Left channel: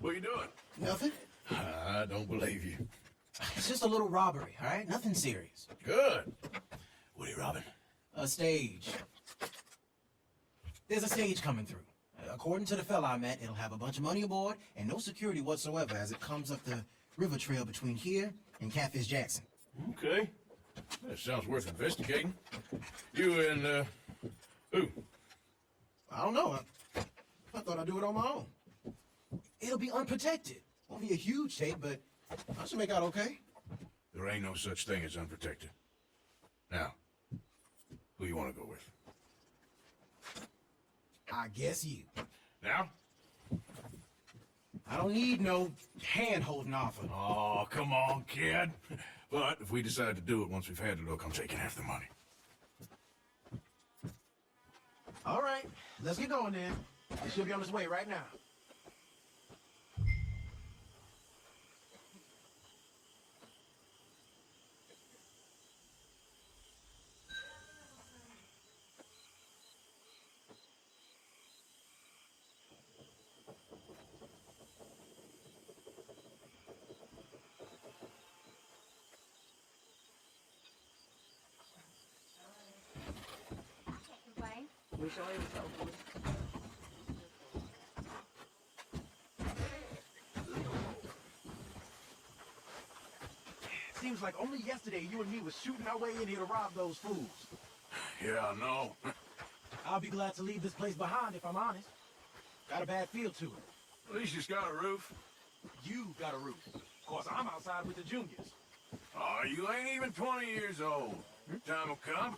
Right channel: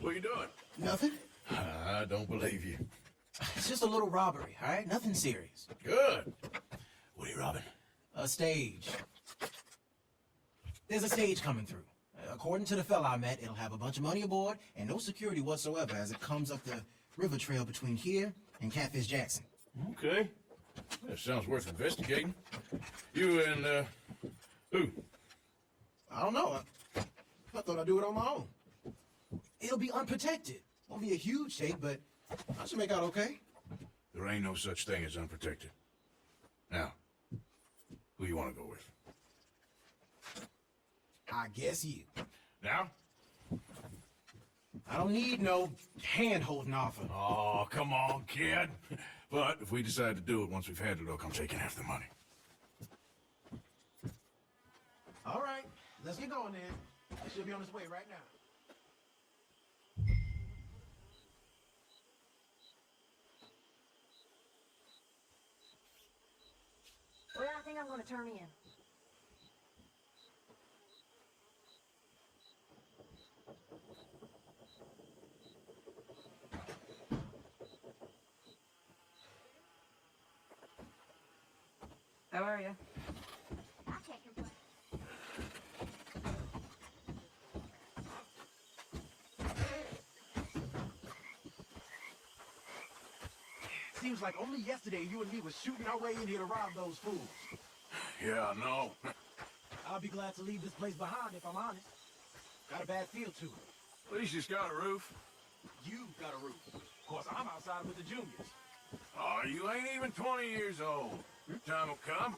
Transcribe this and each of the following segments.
What are you doing? Nothing. I don't believe you. It's just a little robbery, all right? Nothing serious. Good. What are you robbing? A stage. There's a stage coming through. According to the fella I met, it'll have a bunch of money aboard and no security whatsoever as it comes up the river trail between here and Catfish Jackson. Okay. That sounds worth investigating. You and, who? I don't know. I thought I'd do it on my own. It'll be unprotected. Won't be a huge tape, but I should make out okay. There ain't no such thing as unprotected. Now, who you want to go with? I guess you. Now? I don't need no hand-holding offer. Oh, come on, kid. But if we decide to do it once we've had the look, I'm taking half the money. All right, let's get going then. It should be on its way right now. Well, I think I'm going to turn in. How are you? I can't complain. Wish I was so. Seems like only yesterday you and me was shooting our way in here to rob those fools. Yeah, I know. I'll be glad to leave this place behind if I'm honest. Got a bad feel to it. At least he's got a roof. You've got a roof. Of course, I'm outside with the juniors. Oh, you ain't even 20 years old. Your time will come.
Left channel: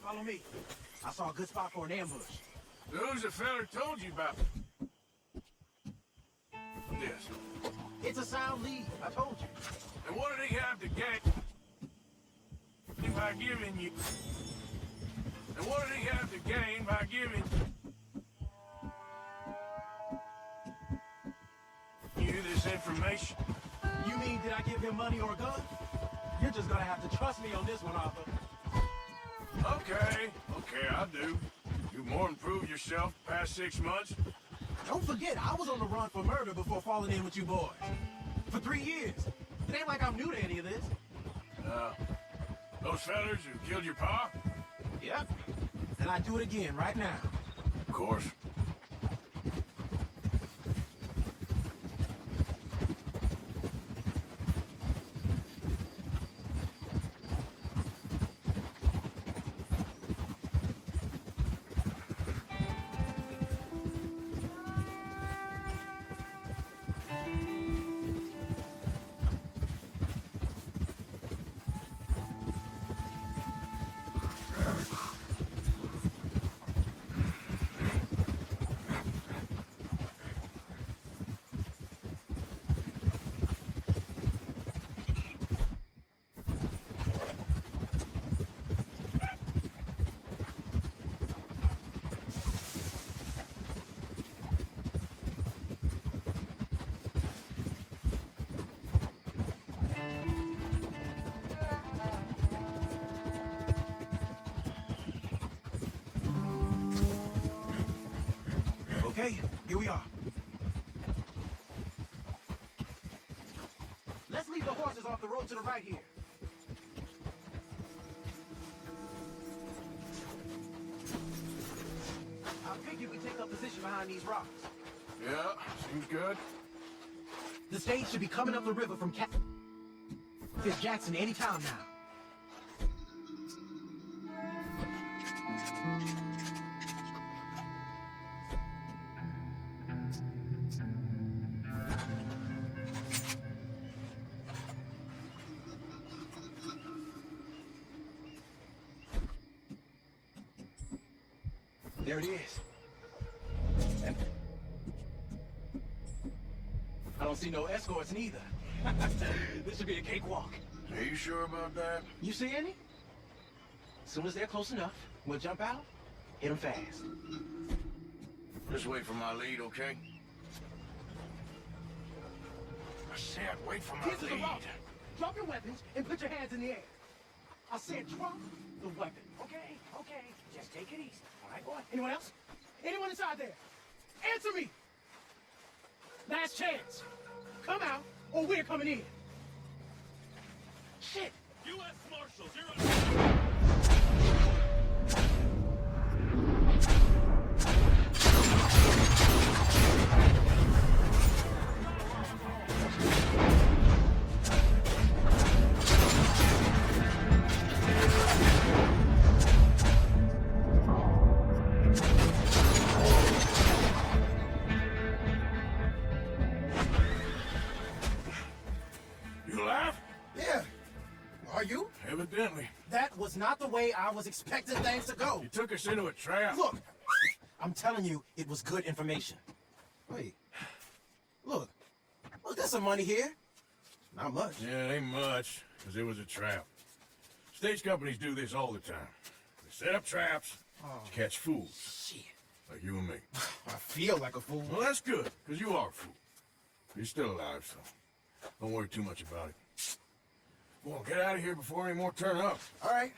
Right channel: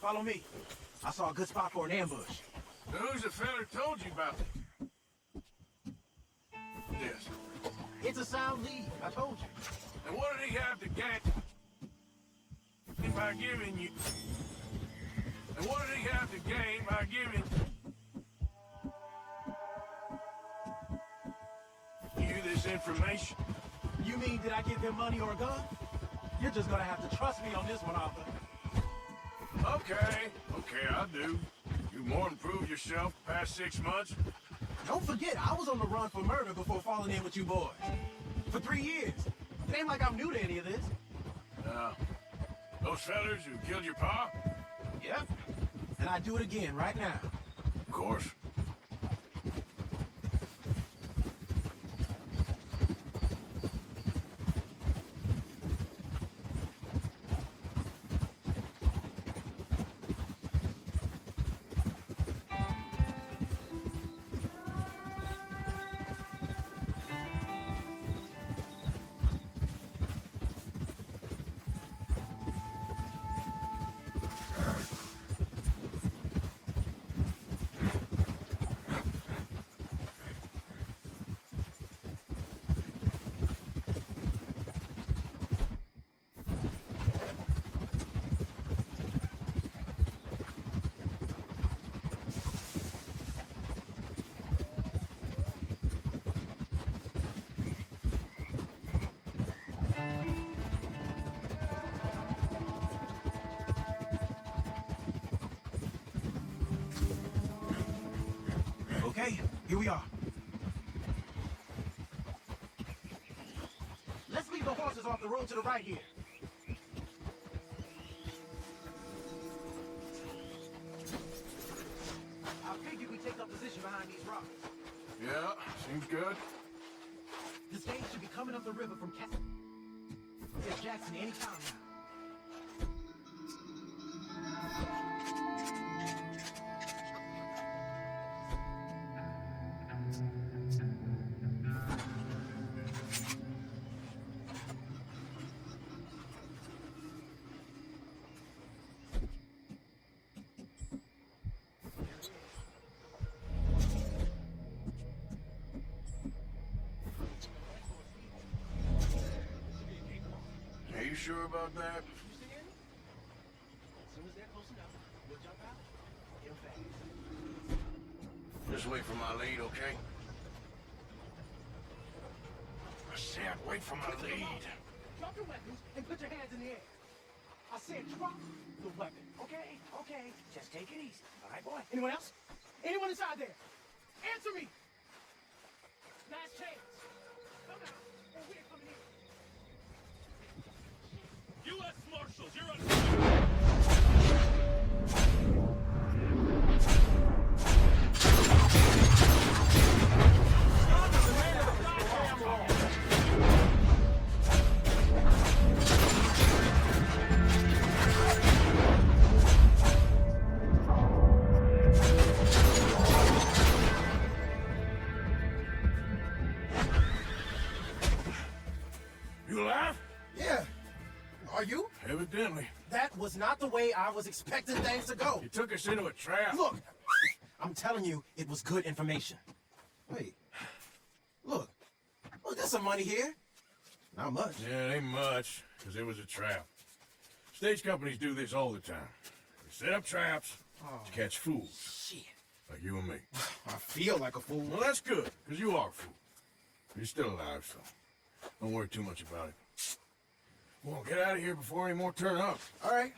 Follow me. I saw a good spot for an ambush. Who's the feller told you about this? It's a sound lead, I told you. And what did he have to gain by giving you? And what did he have to gain by giving you this information? You mean did I give him money or a gun? You're just gonna have to trust me on this one, Arthur. Okay, I do. You've more improved yourself the past 6 months. Don't forget, I was on the run for murder before falling in with you boys. For 3 years. It ain't like I'm new to any of this. Those fellers who killed your pa? Yep. And I'd do it again right now. Of course. Okay, here we are. Let's leave the horses off the road to the right here. I figure we take up position behind these rocks. Yeah, seems good. The stage should be coming up the river from Catfish Jackson any time now. There it is. And I don't see no escorts neither. This should be a cakewalk. Are you sure about that? You see any? As soon as they're close enough, we'll jump out, hit them fast. Just wait for my lead, okay? I said wait for my Get to the lead. rock. Drop your weapons and put your hands in the air. I said drop the weapon. Okay, okay. Just take it easy. All right, boy. Anyone else? Anyone inside there? Answer me! Last chance. Come out, or we're coming in. Shit! U.S. Marshals, you're on... You alive? Yeah. Are you? Evidently. That was not the way I was expecting things to go. You took us into a trap. Look, I'm telling you, it was good information. Wait. Look, there's some money here. Not much. Yeah, it ain't much, because it was a trap. Stage companies do this all the time. They set up traps to catch fools. Shit. Like you and me. I feel like a fool. Well, that's good, because you are a fool. You're still alive, so don't worry too much about it. Come on, get out of here before any more turn up. All right.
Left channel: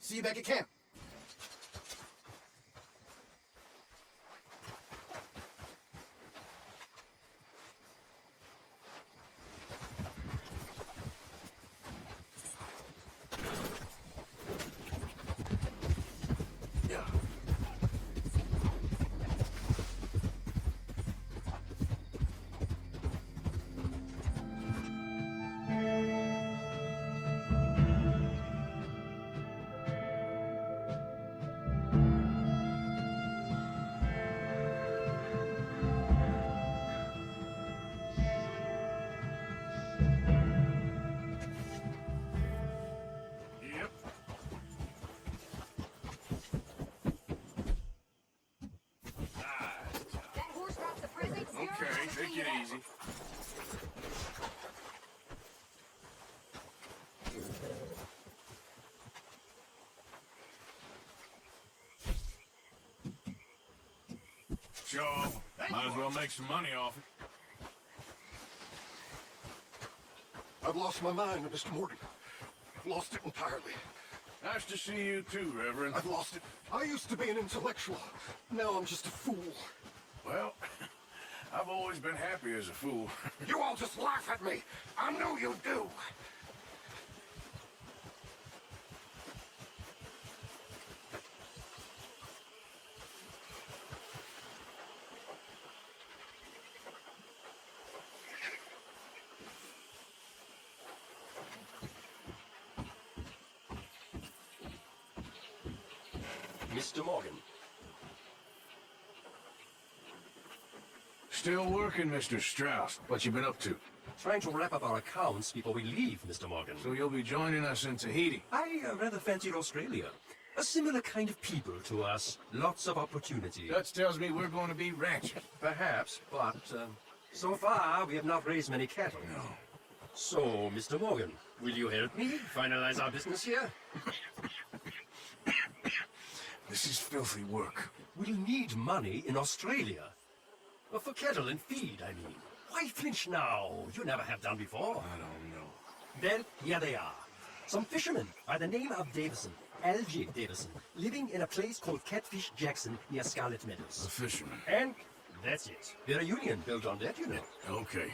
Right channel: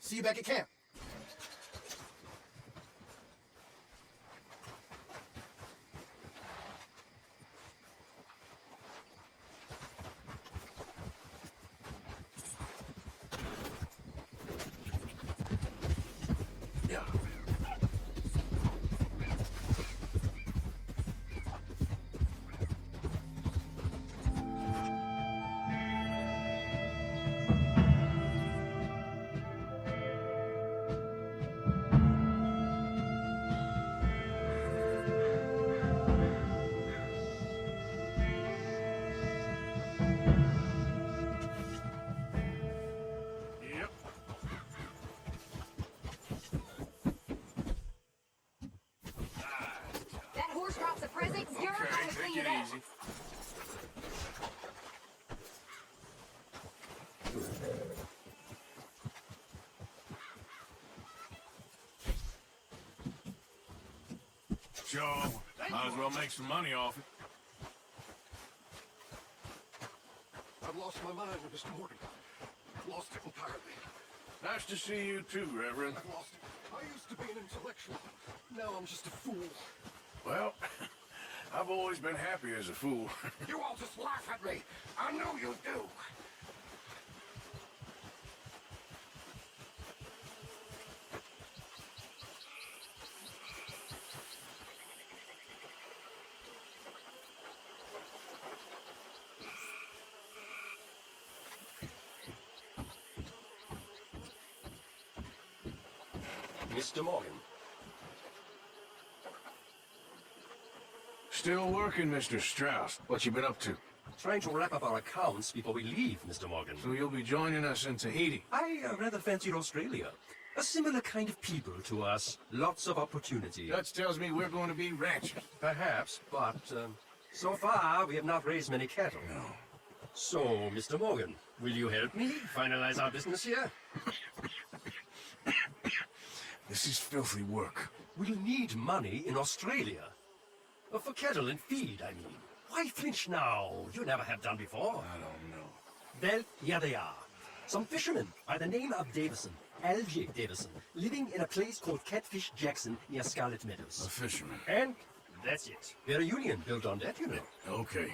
See you back at camp. Yeah. Yep. That horse drops a present. You're Okay, gonna take clean it up. easy. Joe, might as well make some money off it. I've lost my mind, Mr. Morgan. I've lost it entirely. Nice to see you too, Reverend. I've lost it. I used to be an intellectual. Now I'm just a fool. Well, I've always been happy as a fool. You all just laugh at me. I know you do. Mr. Morgan. Still working, Mr. Strauss. What you been up to? Trying to wrap up our accounts before we leave, Mr. Morgan. So you'll be joining us in Tahiti. I rather fancied Australia. A similar kind of people to us. Lots of opportunity. That tells me we're going to be ranchers. Perhaps, but so far we have not raised many cattle. No. So, Mr. Morgan, will you help me finalize our business here? This is filthy work. We'll need money in Australia. For cattle and feed, I mean. Why flinch now? You never have done before. I don't know. Well, here they are. Some fishermen by the name of Davison, Algie Davison, living in a place called Catfish Jackson near Scarlet A Meadows. fisherman. And that's it. They're a union built on that, you know. Okay.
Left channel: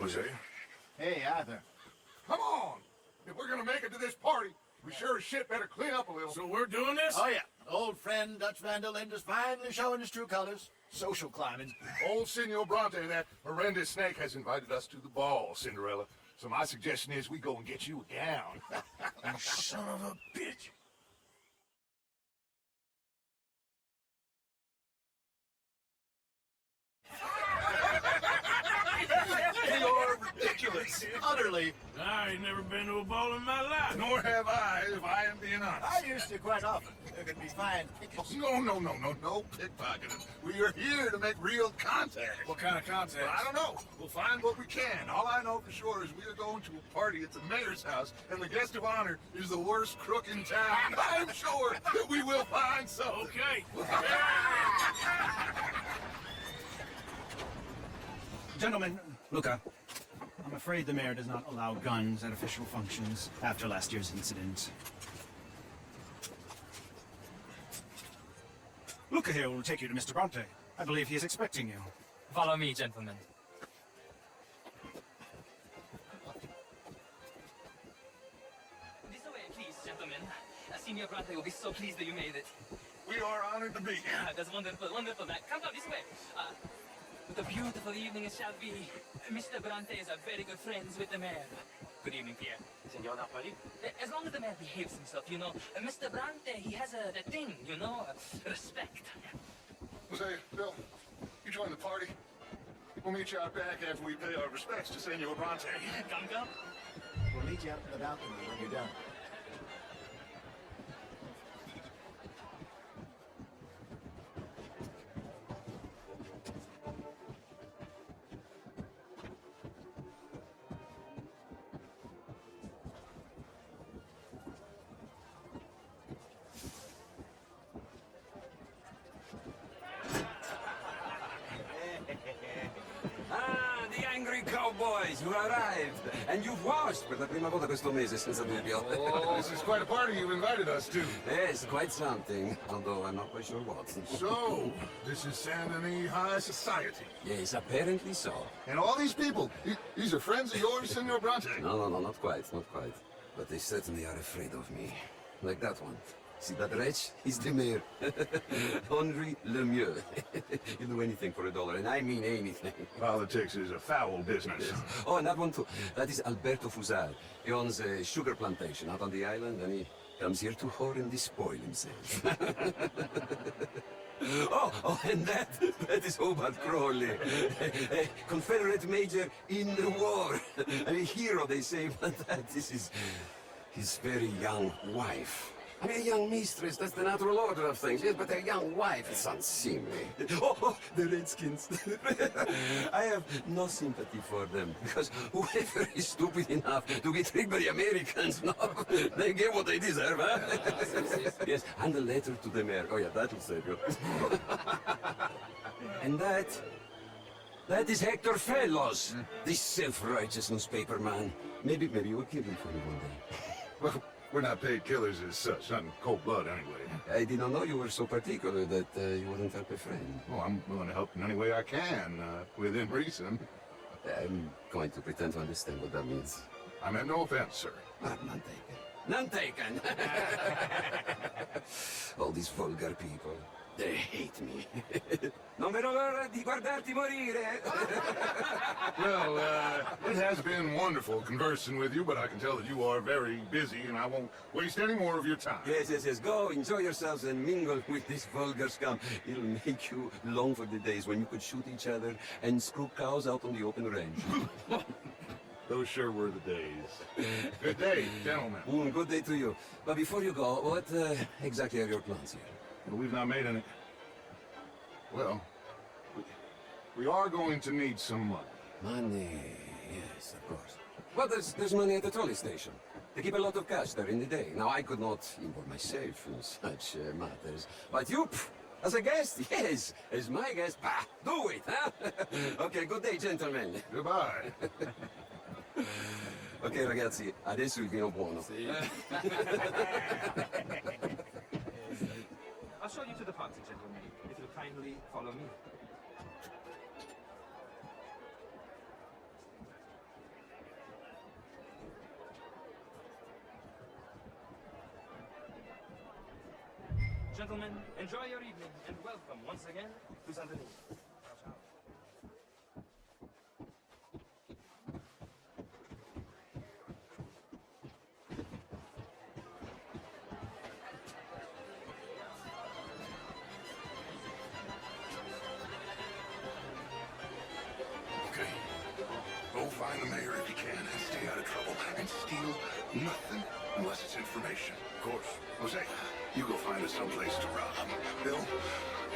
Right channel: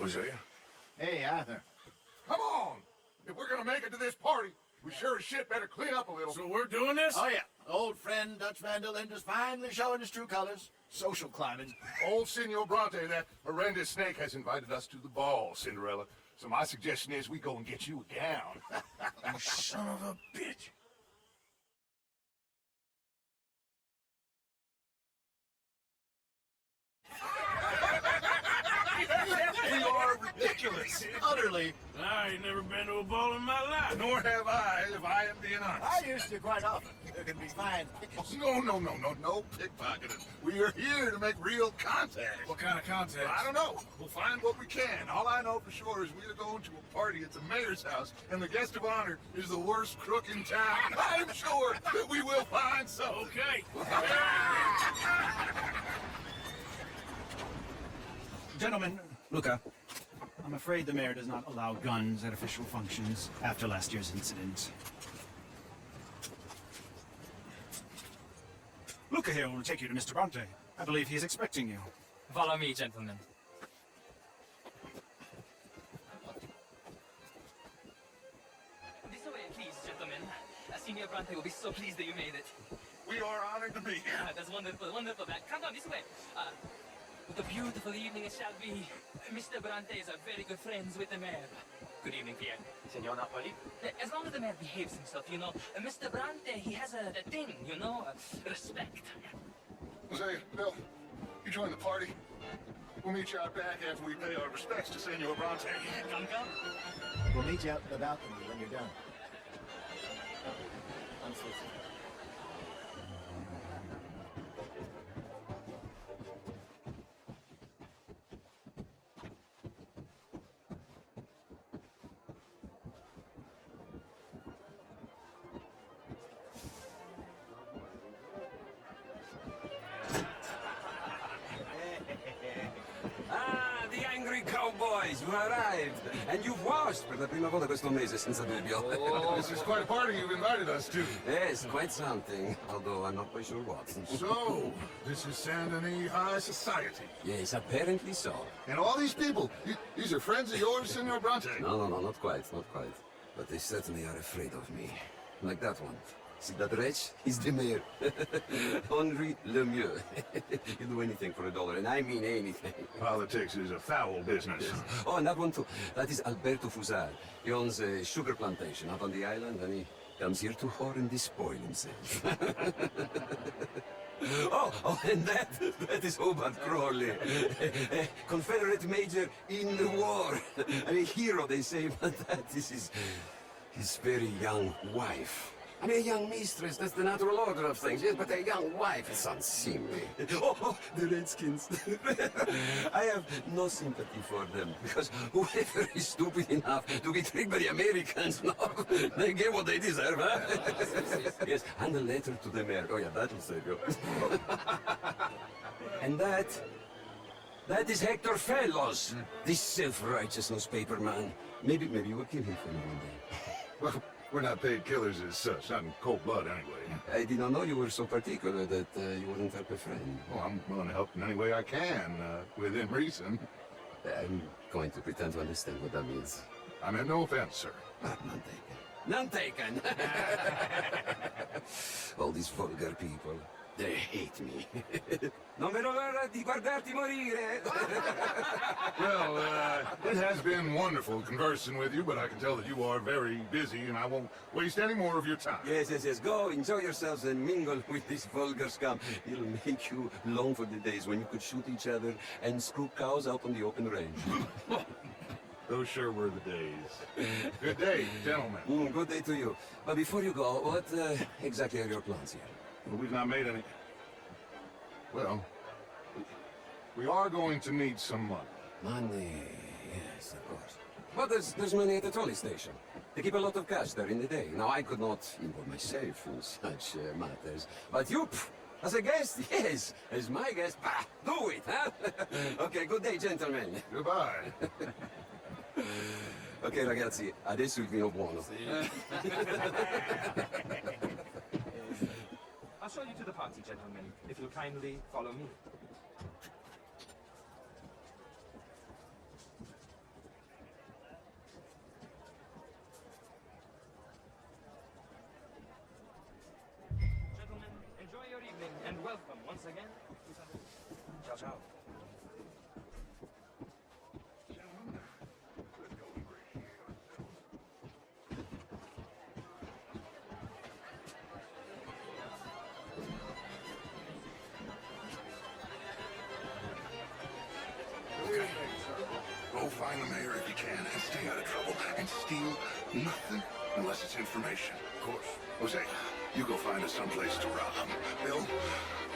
Was that you? Hey, Arthur. Come on! If we're gonna make it to this party, we sure as shit better clean up a little. So we're doing this? Oh, yeah. Old friend Dutch Van der Linden is finally showing his true colors. Social climbing. Old Senor Bronte, that horrendous snake, has invited us to the ball, Cinderella. So my suggestion is we go and get you a gown. You son of a bitch. We are ridiculous. Utterly. I ain't never been to a ball in my life. Nor have I, if I am being honest. I used to quite often. pickpocketed me. Fine. No pickpocketing. We are here to make real contact. What kind of contact? I don't know. We'll find what we can. All I know for sure is we are going to a party at the mayor's house, and the guest of honor is the worst crook in town. I'm sure that we will find something. Okay. Gentlemen, look up. I'm afraid the mayor does not allow guns at official functions after last year's incident. Luca here will take you to Mr. Bronte. I believe he is expecting you. Follow me, gentlemen. This way, please, gentlemen. Signor Bronte will be so pleased that you made it. We are honored to be here. That's wonderful, wonderful. Now, come down this way. What a beautiful evening it shall be. Mr. Bronte is very good friends with the mayor. Good evening, Pierre. Senor Napoli? As long as the mayor behaves himself, you know. Mr. Bronte, he has that thing, you know, respect. Say, Bill, you join the party. We'll meet you out back after we pay our respects to Senor Bronte. Come. We'll meet you out in the balcony when you're done. The angry cowboys, you arrived! And you've washed per la prima volta questo mese senza dubbio. This is quite a party you've invited us to. Yes, quite something, although I'm not quite sure what. So, this is Saint Denis High Society. Yes, apparently so. And all these people, these are friends of yours, Senor Bronte? No, not quite. But they certainly are afraid of me. Like that one. See that wretch? He's the mayor. Henri Lemieux. He'll do anything for $1, and I mean anything. Politics is a foul business. Oh, and that one too. That is Alberto Fusar. He owns a sugar plantation out on the island, and he comes here to whore and despoil himself. Oh, and that is Hobart Crawley. A Confederate major in the war. A hero, they say, but that is his very young wife. I mean, a young mistress, that's the natural order of things, yes, but a young wife is unseemly. Oh, the Redskins. I have no sympathy for them, because whoever is stupid enough to get tricked by the Americans, no, they get what they deserve, huh? Yes, and a letter to the mayor. Oh, yeah, that'll save you. And that is Hector Fellows, this self-righteous newspaper man. Maybe you will kill him for me one day. Well, we're not paid killers as such, not in cold blood anyway. I did not know you were so particular that you wouldn't help a friend. Well, I'm willing to help in any way I can, within reason. I'm going to pretend to understand what that means. I meant no offense, sir. None taken. All these vulgar people, they hate me. Non vedo l'ora di guardarti morire. Well, it has been wonderful conversing with you, but I can tell that you are very busy, and I won't waste any more of your time. Yes. Go, enjoy yourselves and mingle with this vulgar scum. It'll make you long for the days when you could shoot each other and screw cows out on the open range. Those sure were the days. Good day, gentlemen. Good day to you. But before you go, what exactly are your plans here? Well, we've not made any... Well, we are going to need some money. Money, yes, of course. But there's money at the trolley station. They keep a lot of cash there in the day. Now, I could not involve myself in such matters. But you, as a guest, yes, as my guest, do it, huh? Okay, good day, gentlemen. Goodbye. Ok, ragazzi, adesso il vino buono. I'll show you to the party, gentlemen, if you'll kindly follow me. Gentlemen, enjoy your evening and welcome once again to Saint Denis. Ciao, ciao. Okay. Go find the mayor if you can and stay out of trouble and steal nothing unless it's information. Of course. Jose, You go find us someplace to rob. Bill,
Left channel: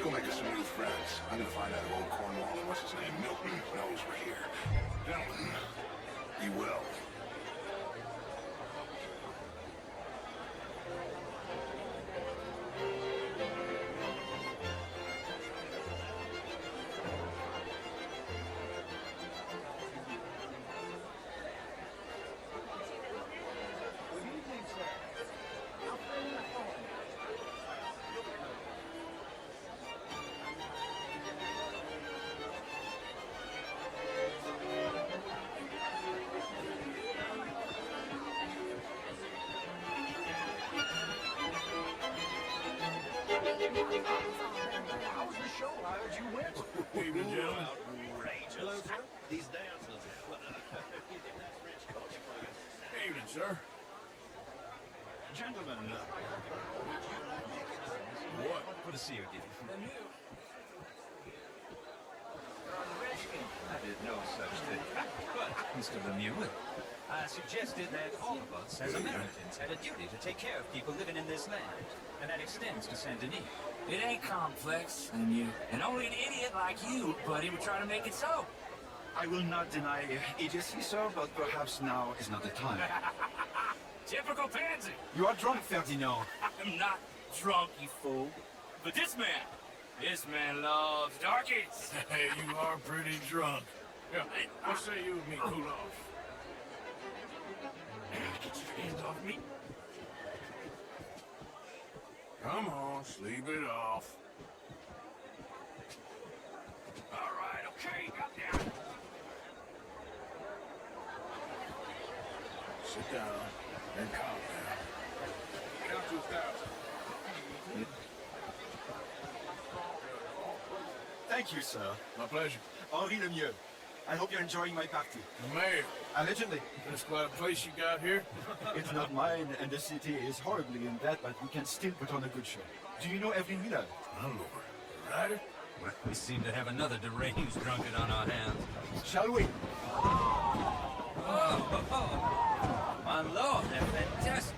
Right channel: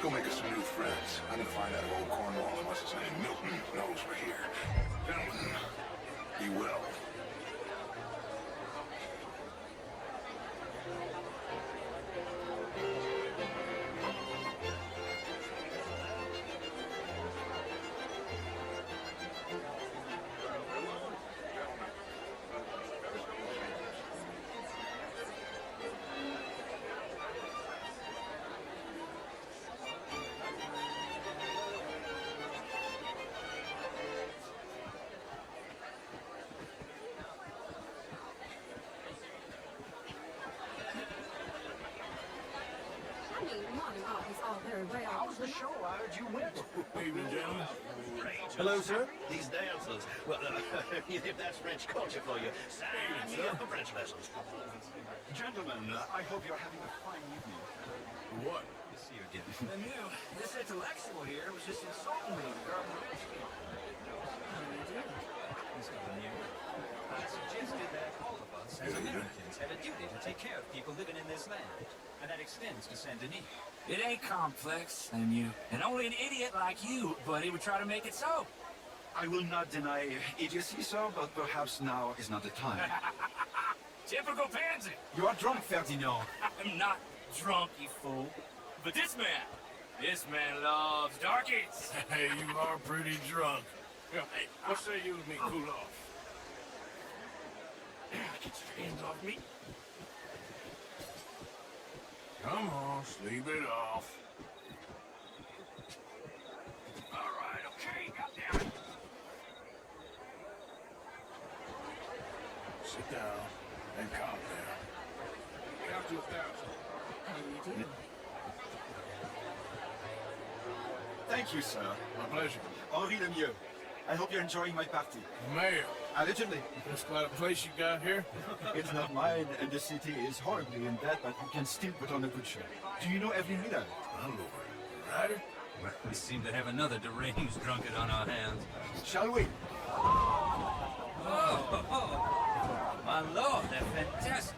go make us some new friends. I'm gonna find out who in Cornwall and what's his name, Milton, knows we're here. Gentlemen, be well. How was the show? How did you win? Hello, sir. These dancers. Well, if that's French culture for you, sign me up for French lessons. Gentlemen, I hope you're having a good time. What? Good to see you again. I knew this intellectual here was just insulting me regarding Richmond. I did no such thing. But, Mr. Lemieux, I suggested that all of us as Americans have a duty to take care of people living in this land. And that extends to Saint Denis. It ain't complex, and only an idiot like you, buddy, would try to make it so. I will not deny idiocy, sir, but perhaps now is not the time. Typical pansy. You are drunk, Ferdinand. I'm not drunk, you fool. But this man loves darkies. Hey, you are pretty drunk. Yeah, what say you and me cool off? Get your hands off me. Come on, sleep it off. All right, okay, got down. Sit down and calm down. Count to 1,000. Thank you, sir. My pleasure. Henri Lemieux. I hope you're enjoying my party. Mayor, Allegedly. that's quite a place you got here. It's not mine, and the city is horribly in debt, but we can still put on a good show. Do you know every Miller? My lord. Ryder? We seem to have another deranged drunkard on our hands. Shall we? My lord, they're fantastic.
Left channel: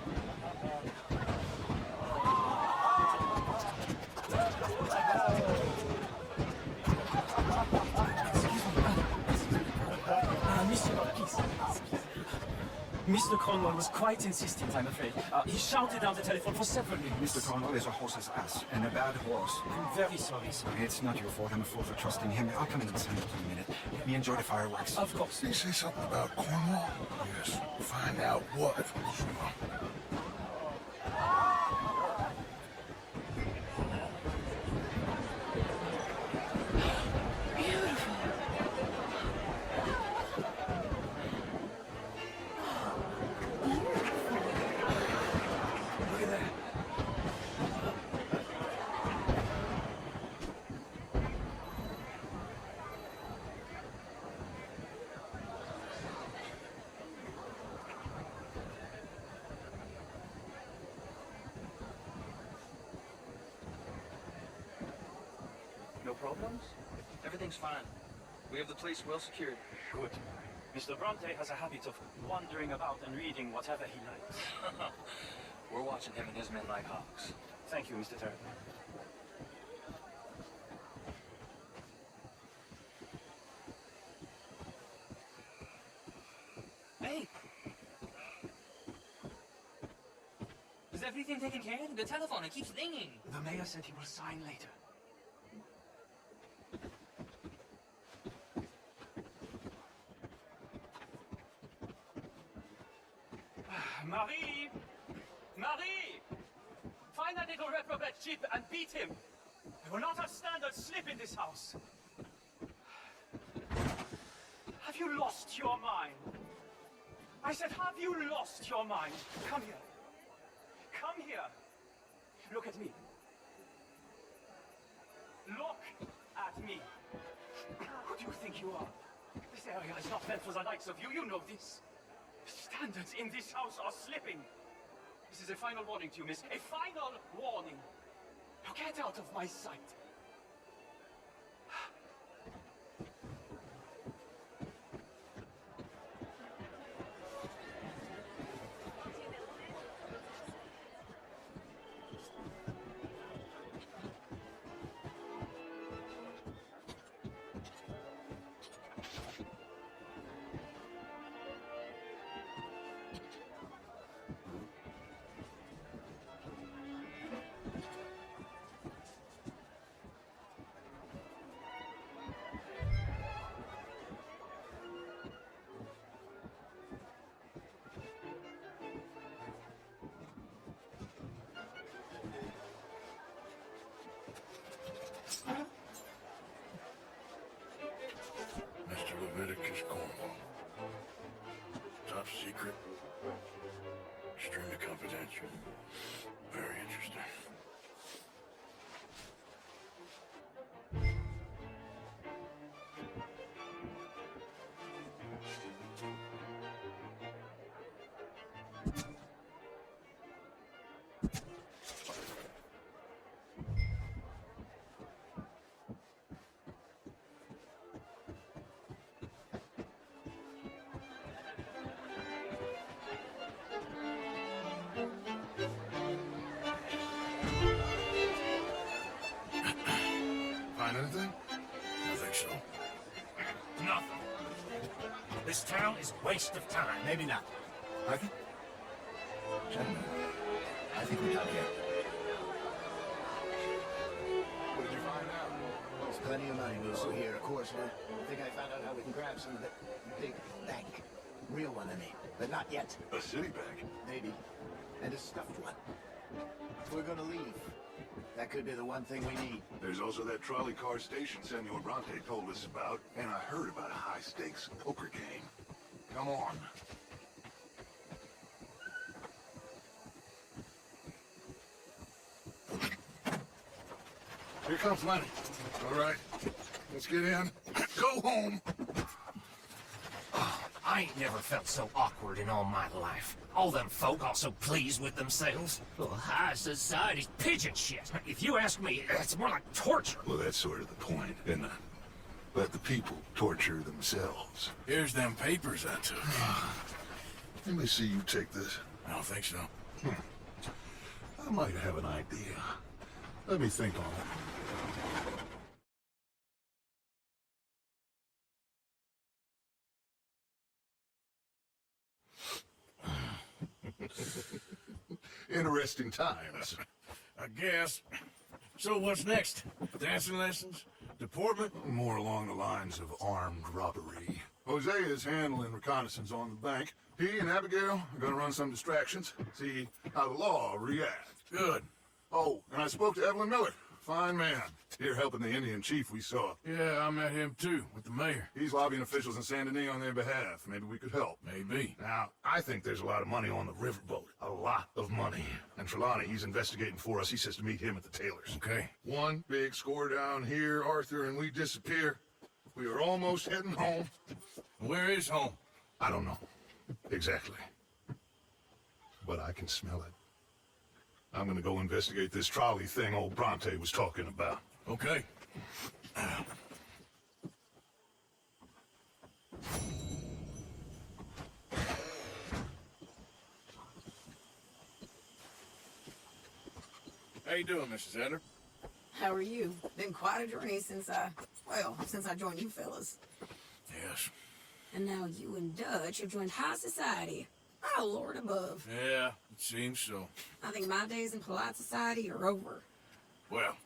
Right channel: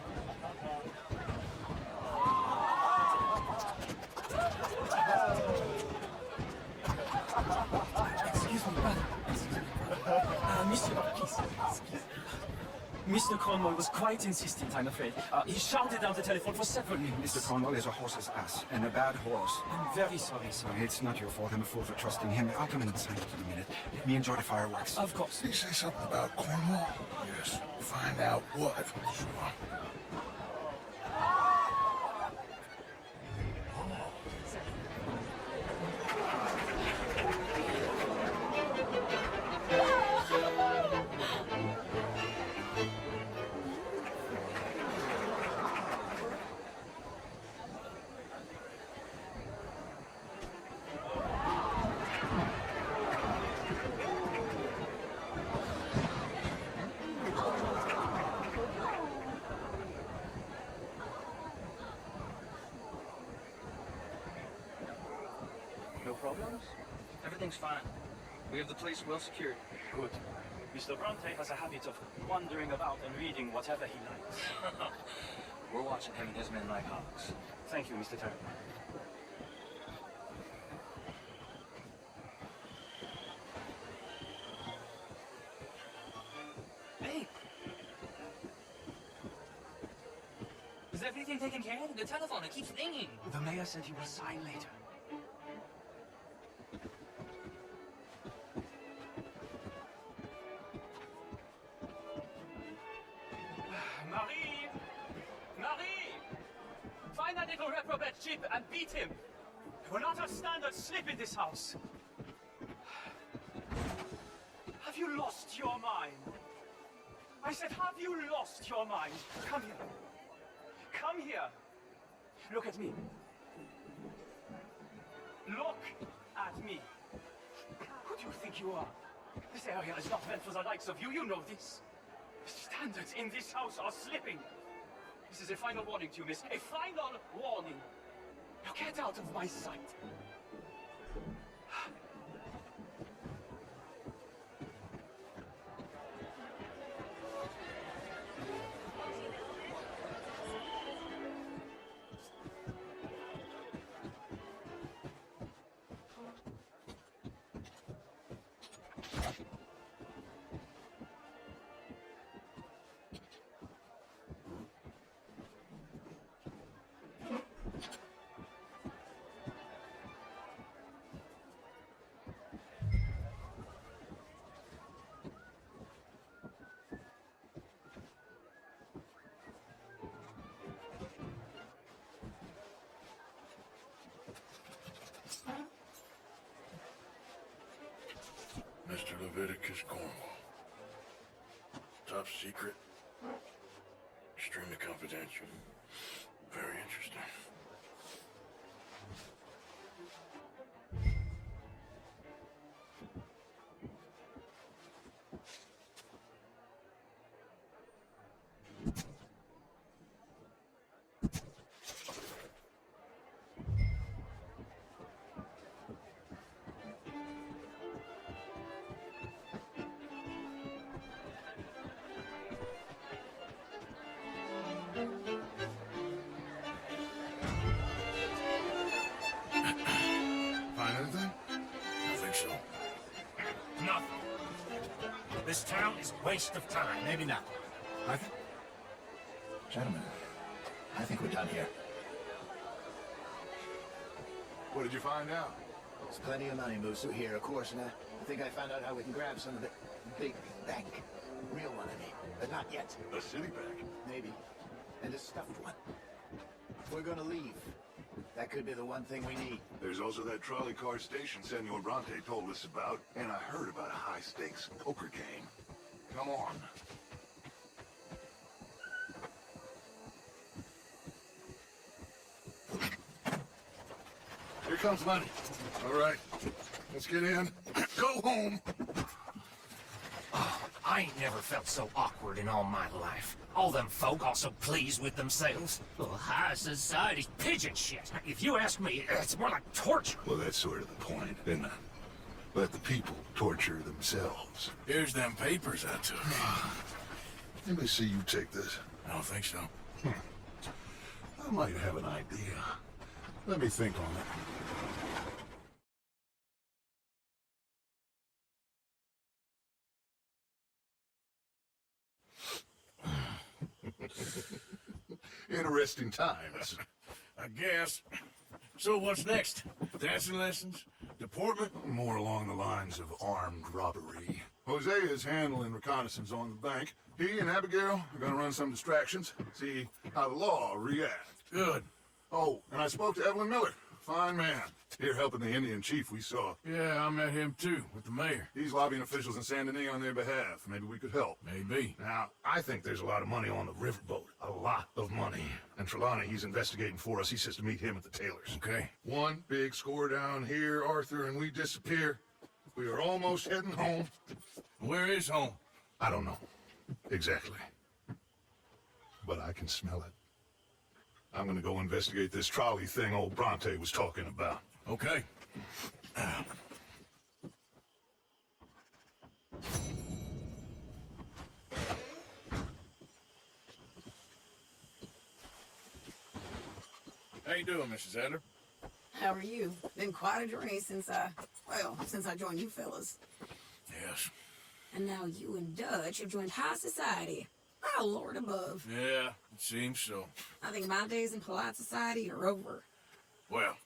Mr. Cornwall was quite insistent, I'm afraid. He shouted down the telephone for several minutes. Mr. Cornwall is a horse's ass, and a bad horse. I'm very sorry, sir. It's not your fault. I'm a fool for trusting him. I'll come in inside for a minute. Let me enjoy the fireworks. Of course. Did he say something about Cornwall? Yes. Find out what. Sure. No problems? Everything's fine. We have the place well secured. Good. Mr. Bronte has a habit of wandering about and reading whatever he likes. We're watching him and his men like hawks. Thank you, Mr. Turner. Hey! Is everything taken care of? The telephone, it keeps ringing. The mayor said he will sign later. Marie! Marie! Find that little reprobate chip and beat him. We will not have standard slip in this house. Have you lost your mind? I said, have you lost your mind? Come here. Come here. Look at me. Look at me. Who do you think you are? This area is not meant for the likes of you. You know this. Standards in this house are slipping. This is a final warning to you, miss. A final warning. Now get out of my sight. Attic is Cornwall. Top secret. Extremely confidential. Very interesting. Find anything? I think so. Nothing. This town is a waste of time. Maybe not. I think. Gentlemen, I think we're done here. What did you find out? There's plenty of money loose here, of course. And I think I found out how we can grab some of the big bank. Real one, I mean. But not yet. A city bank. Maybe. And a stuffed one. If we're gonna leave, that could be the one thing we need. There's also that trolley car station Senor Bronte told us about, and I heard about a high-stakes poker game. Come on. Here comes Lenny. All right. Let's get in. Go home. I ain't never felt so awkward in all my life. All them folk all so pleased with themselves. Oh, high society's pigeon shit. If you ask me, it's more like torture. Well, that's sort of the point, isn't it? Let the people torture themselves. Here's them papers I took. Let me see you take this. I don't think so. I might have an idea. Let me think on it. Interesting times. I guess. So what's next? Dancing lessons? Deportment? More along the lines of armed robbery. Jose is handling reconnaissance on the bank. He and Abigail are gonna run some distractions, see how the law reacts. Good. Oh, and I spoke to Evelyn Miller. Fine man. Here helping the Indian chief we saw. Yeah, I met him too, with the mayor. He's lobbying officials in San Denis on their behalf. Maybe we could help. Maybe. Now, I think there's a lot of money on the riverboat. A lot of money. And Trelawney, he's investigating for us. He says to meet him at the Taylors. Okay. One big score down here, Arthur, and we disappear. We are almost heading home. Where is home? I don't know. Exactly. But I can smell it. I'm gonna go investigate this trolley thing old Bronte was talking about. Okay. How you doing, Mrs. Adler? How are you? Been quite a journey since I joined you fellas. Yes. And now you and Dutch have joined high society. Oh, Lord above. Yeah, it seems so. I think my days in polite society are over. Well,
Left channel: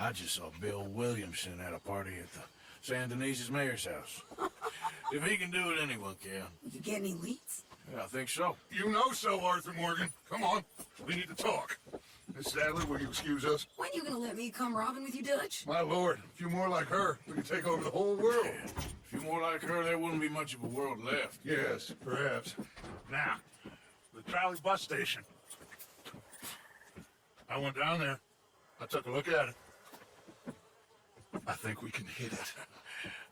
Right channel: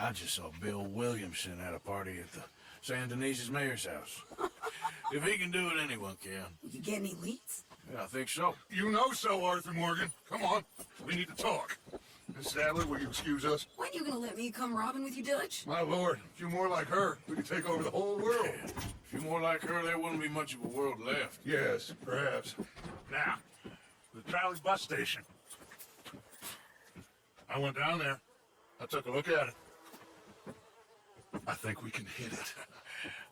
I just saw Bill Williamson at a party at the San Denis' mayor's house. If he can do it, anyone can. You get any leads? Yeah, I think so. You know so, Arthur Morgan. Come on. We need to talk. Miss Sadler, will you excuse us? When you gonna let me come robbing with you, Dutch? My lord, a few more like her, we could take over the whole world. If you're more like her, there wouldn't be much of a world left. Yes, perhaps. Now, the trolley bus station. I went down there. I took a look at it. I think we can hit it.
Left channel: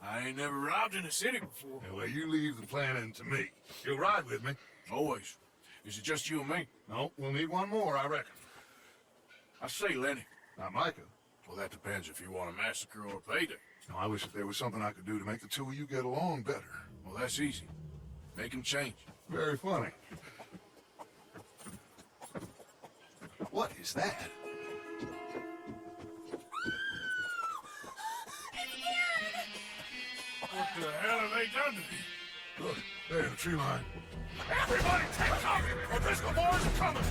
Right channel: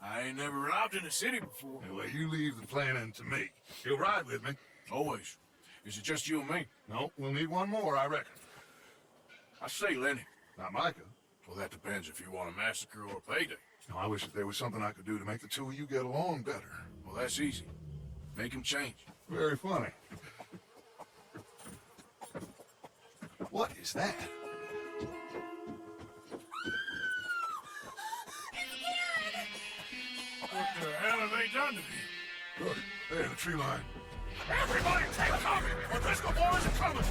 I ain't never robbed in a city before. Anyway, you leave the planning to me. You'll ride with me. Always. Is it just you and me? No, we'll need one more, I reckon. I say Lenny. Not Micah. Well, that depends if you want a massacre or a payday. No, I wish that there was something I could do to make the two of you get along better. Well, that's easy. Make him change. Very funny. What is that? What the hell have they done to me? Look, there, the tree line. Everybody take cover! Or Driscoll boys are coming!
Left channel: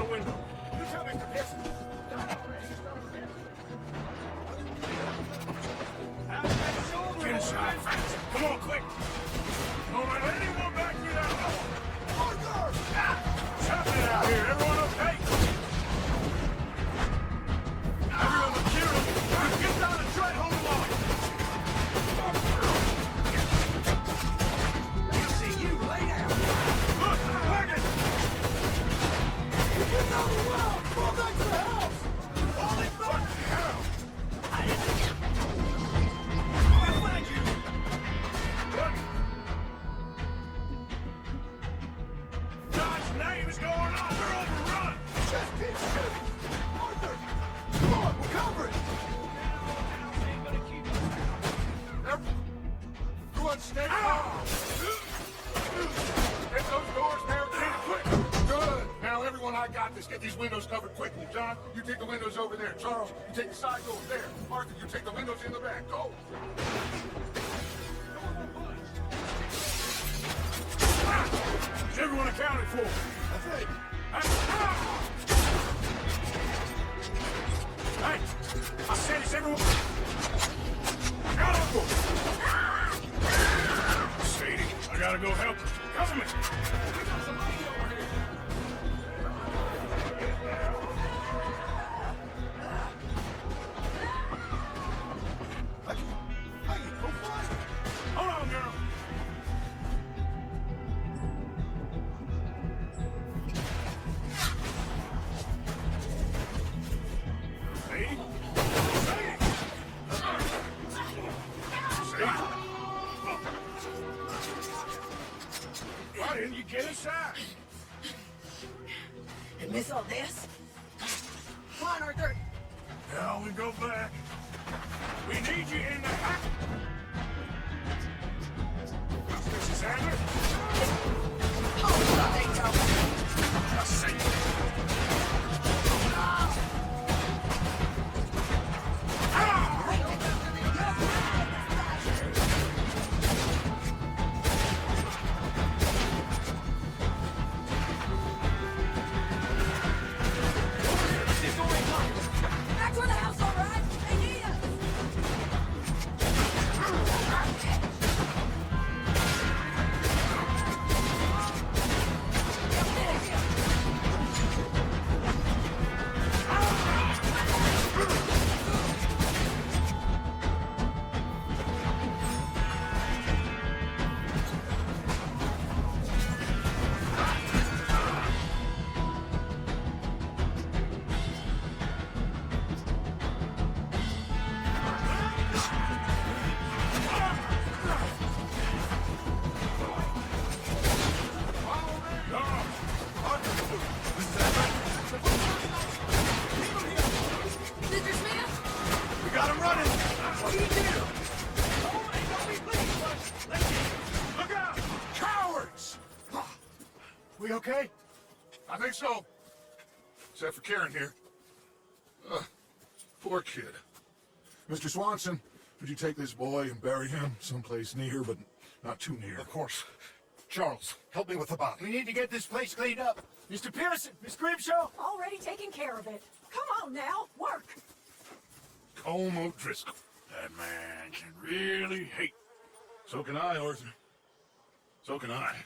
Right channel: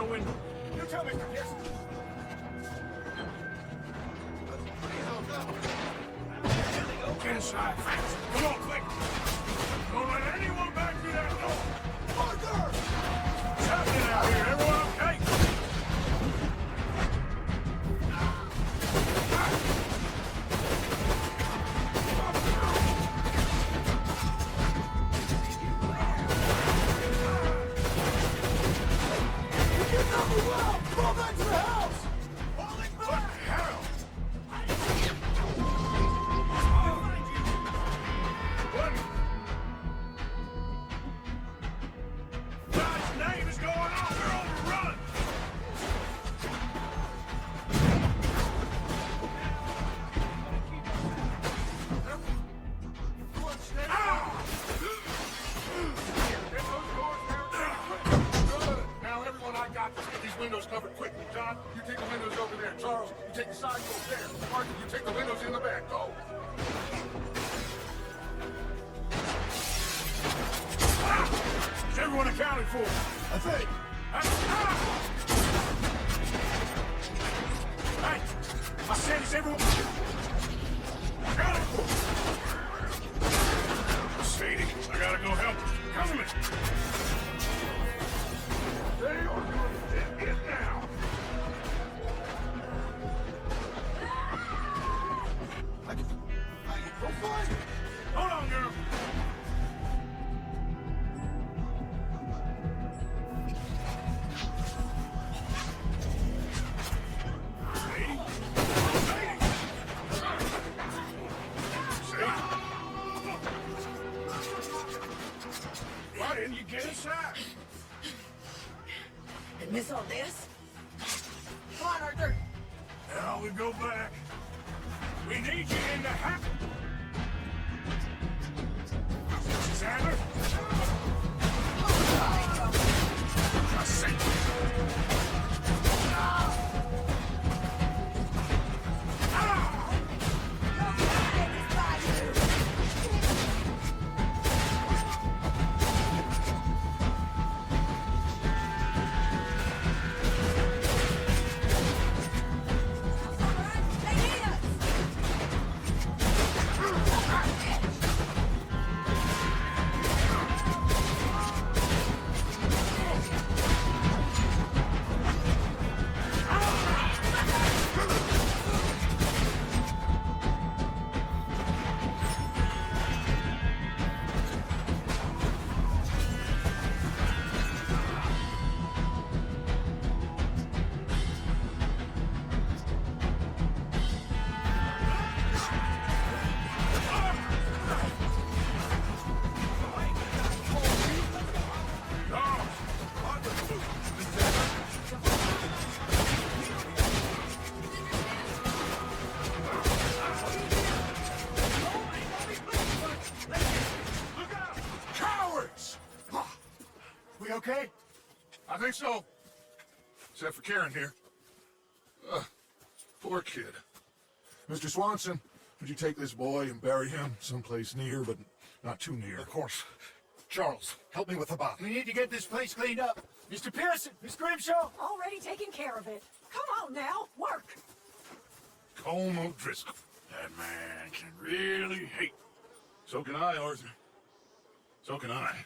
the window. You tell Mr. Pearson. Get inside fast. Come on, quick. Don't let anyone back me out. Arthur! What's happening out here? Everyone okay? Everyone with you. Get down and try to hold on. See you later. Look, wagon. You know me well. Go back to the house. Holy fucking hell. God's name is going on. We're on the run. Come on, cover it. Go on, stand up. Get those doors barricaded quick. Good. Now, everyone, I got this. Get these windows covered quickly. John, you take the windows over there. Charles, you take the side over there. Arthur, you take the windows in the back. Go. Is everyone accounted for? I think. Hey, I said, is everyone accounted for? Sadie, I gotta go help her. Cover me. Hold on, girl. Why didn't you get inside? And miss all this? Come on, Arthur. Now we go back. We need you in the hat. Mrs. Abbott? Oh, there you go. Just say. Back to the house, all right? They need us! We okay? I think so. Except for Karen here. Poor kid. Mr. Swanson, would you take this boy and bury him someplace near, but not too near? Of course. Charles, help me with the body. We need to get this place cleaned up. Mr. Pearson, Miss Grimshaw. Already taking care of it. Come on now, work. Colm O'Driscoll. That man can really hate. So can I, Arthur. So can I.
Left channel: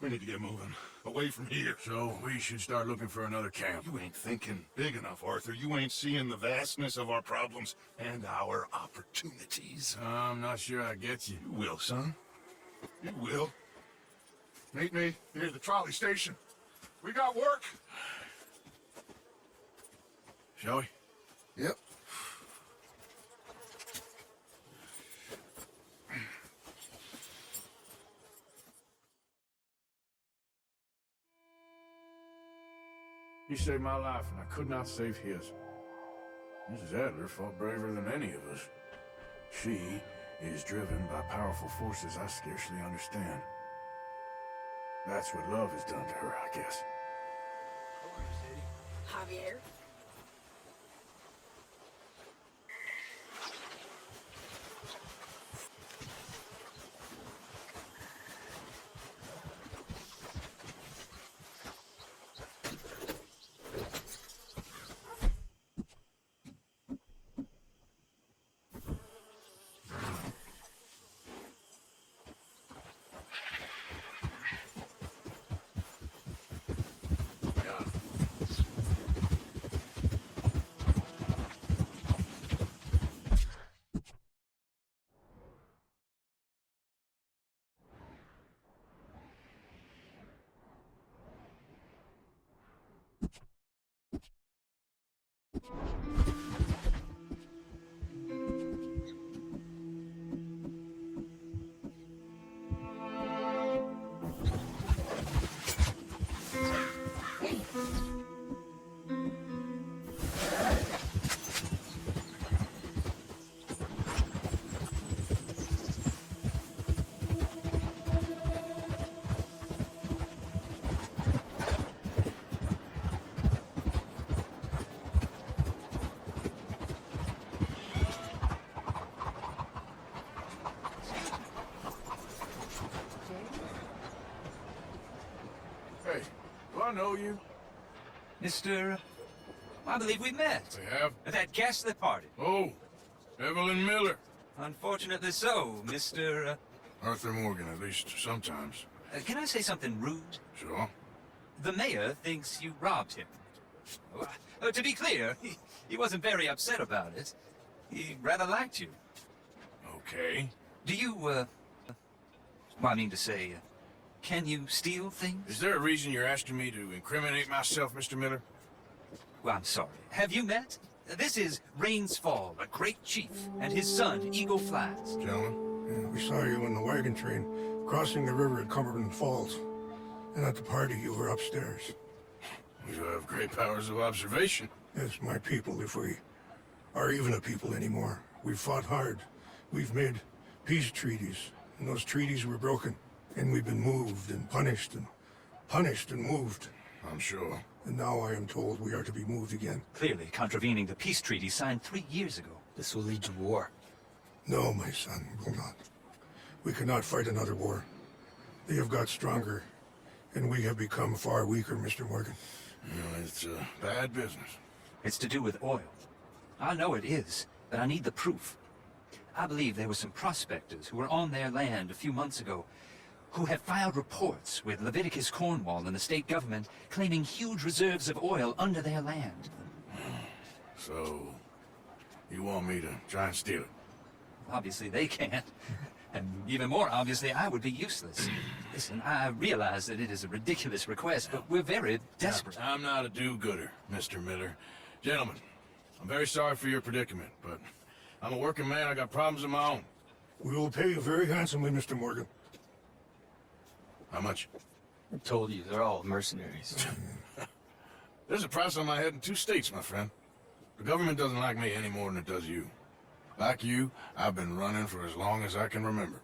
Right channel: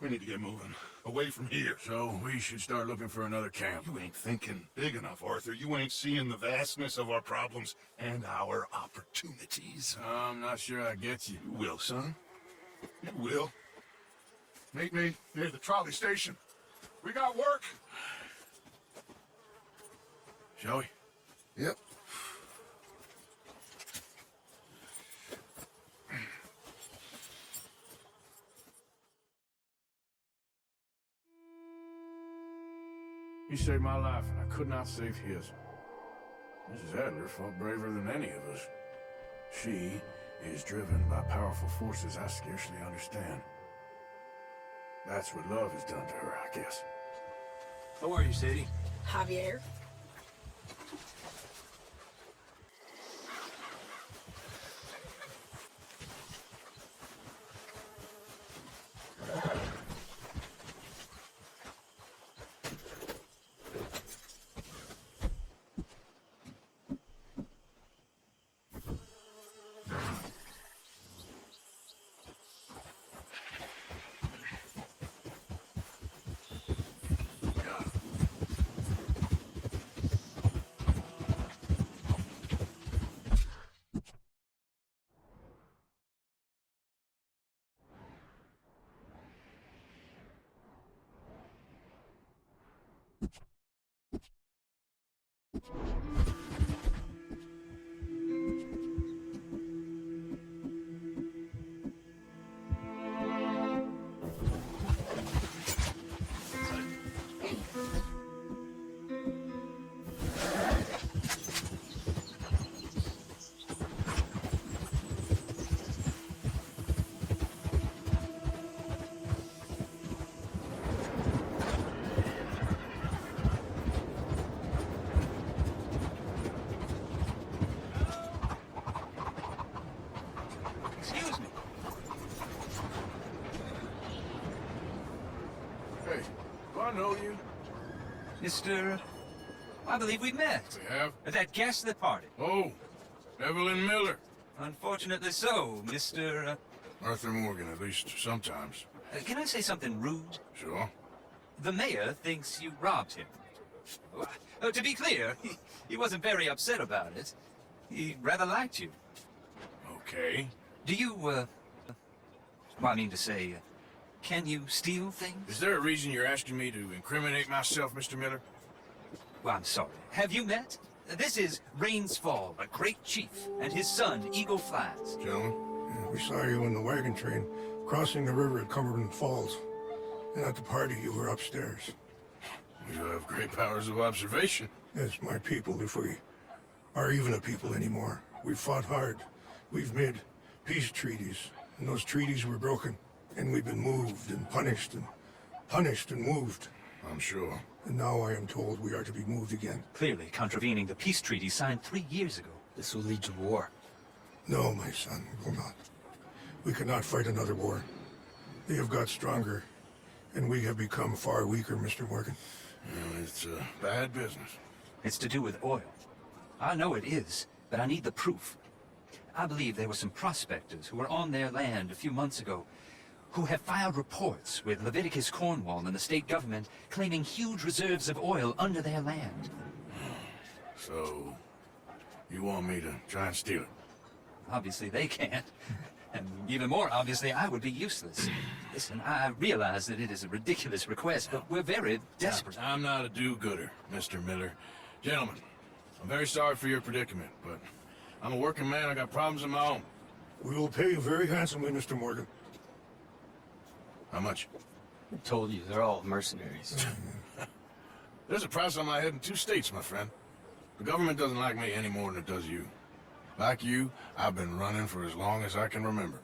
We need to get moving. Away from here. So we should start looking for another camp. You ain't thinking big enough, Arthur. You ain't seeing the vastness of our problems and our opportunities. I'm not sure I get you. You will, son. You will. Meet me near the trolley station. We got work. Shall we? Yep. He saved my life, and I could not save his. Mrs. Adler fought braver than any of us. She is driven by powerful forces I scarcely understand. That's what love has done to her, I guess. How are you, Sadie? Javier. Mr. I believe we met. We have? At that gaslit party. Oh, Evelyn Miller. Unfortunately so, Mr. Arthur Morgan, at least sometimes. Can I say something rude? Sure. The mayor thinks you robbed him. To be clear, he wasn't very upset about it. He rather liked you. Okay. Do you, well, I mean to say, can you steal things? Is there a reason you're asking me to incriminate myself, Mr. Miller? Well, I'm sorry. Have you met? This is Rains Fall, a great chief, and his son, Eagle Flies. Gentlemen? Yeah, we saw you in the wagon train, crossing the river at Cumberland Falls. And at the party, you were upstairs. You have great powers of observation. That's my people, if we are even a people anymore. We've fought hard. We've made peace treaties, and those treaties were broken. And we've been moved and punished and moved. I'm sure. And now I am told we are to be moved again. Clearly contravening the peace treaty signed 3 years ago. This will lead to war. No, my son, it will not. We cannot fight another war. They have got stronger, and we have become far weaker, Mr. Morgan. It's bad business. It's to do with oil. I know it is, but I need the proof. I believe there were some prospectors who were on their land a few months ago who have filed reports with Leviticus Cornwall and the state government claiming huge reserves of oil under their land. So, you want me to try and steal it? Obviously they can't. And even more obviously, I would be useless. Listen, I realize that it is a ridiculous request, but we're very desperate. I'm not a do-gooder, Mr. Miller. Gentlemen, I'm very sorry for your predicament, but I'm a working man. I got problems of my own. We will pay you very handsomely, Mr. Morgan. How much? I told you, they're all mercenaries. There's a price on my head in 2 states, my friend. The government doesn't like me any more than it does you. Like you, I've been running for as long as I can remember.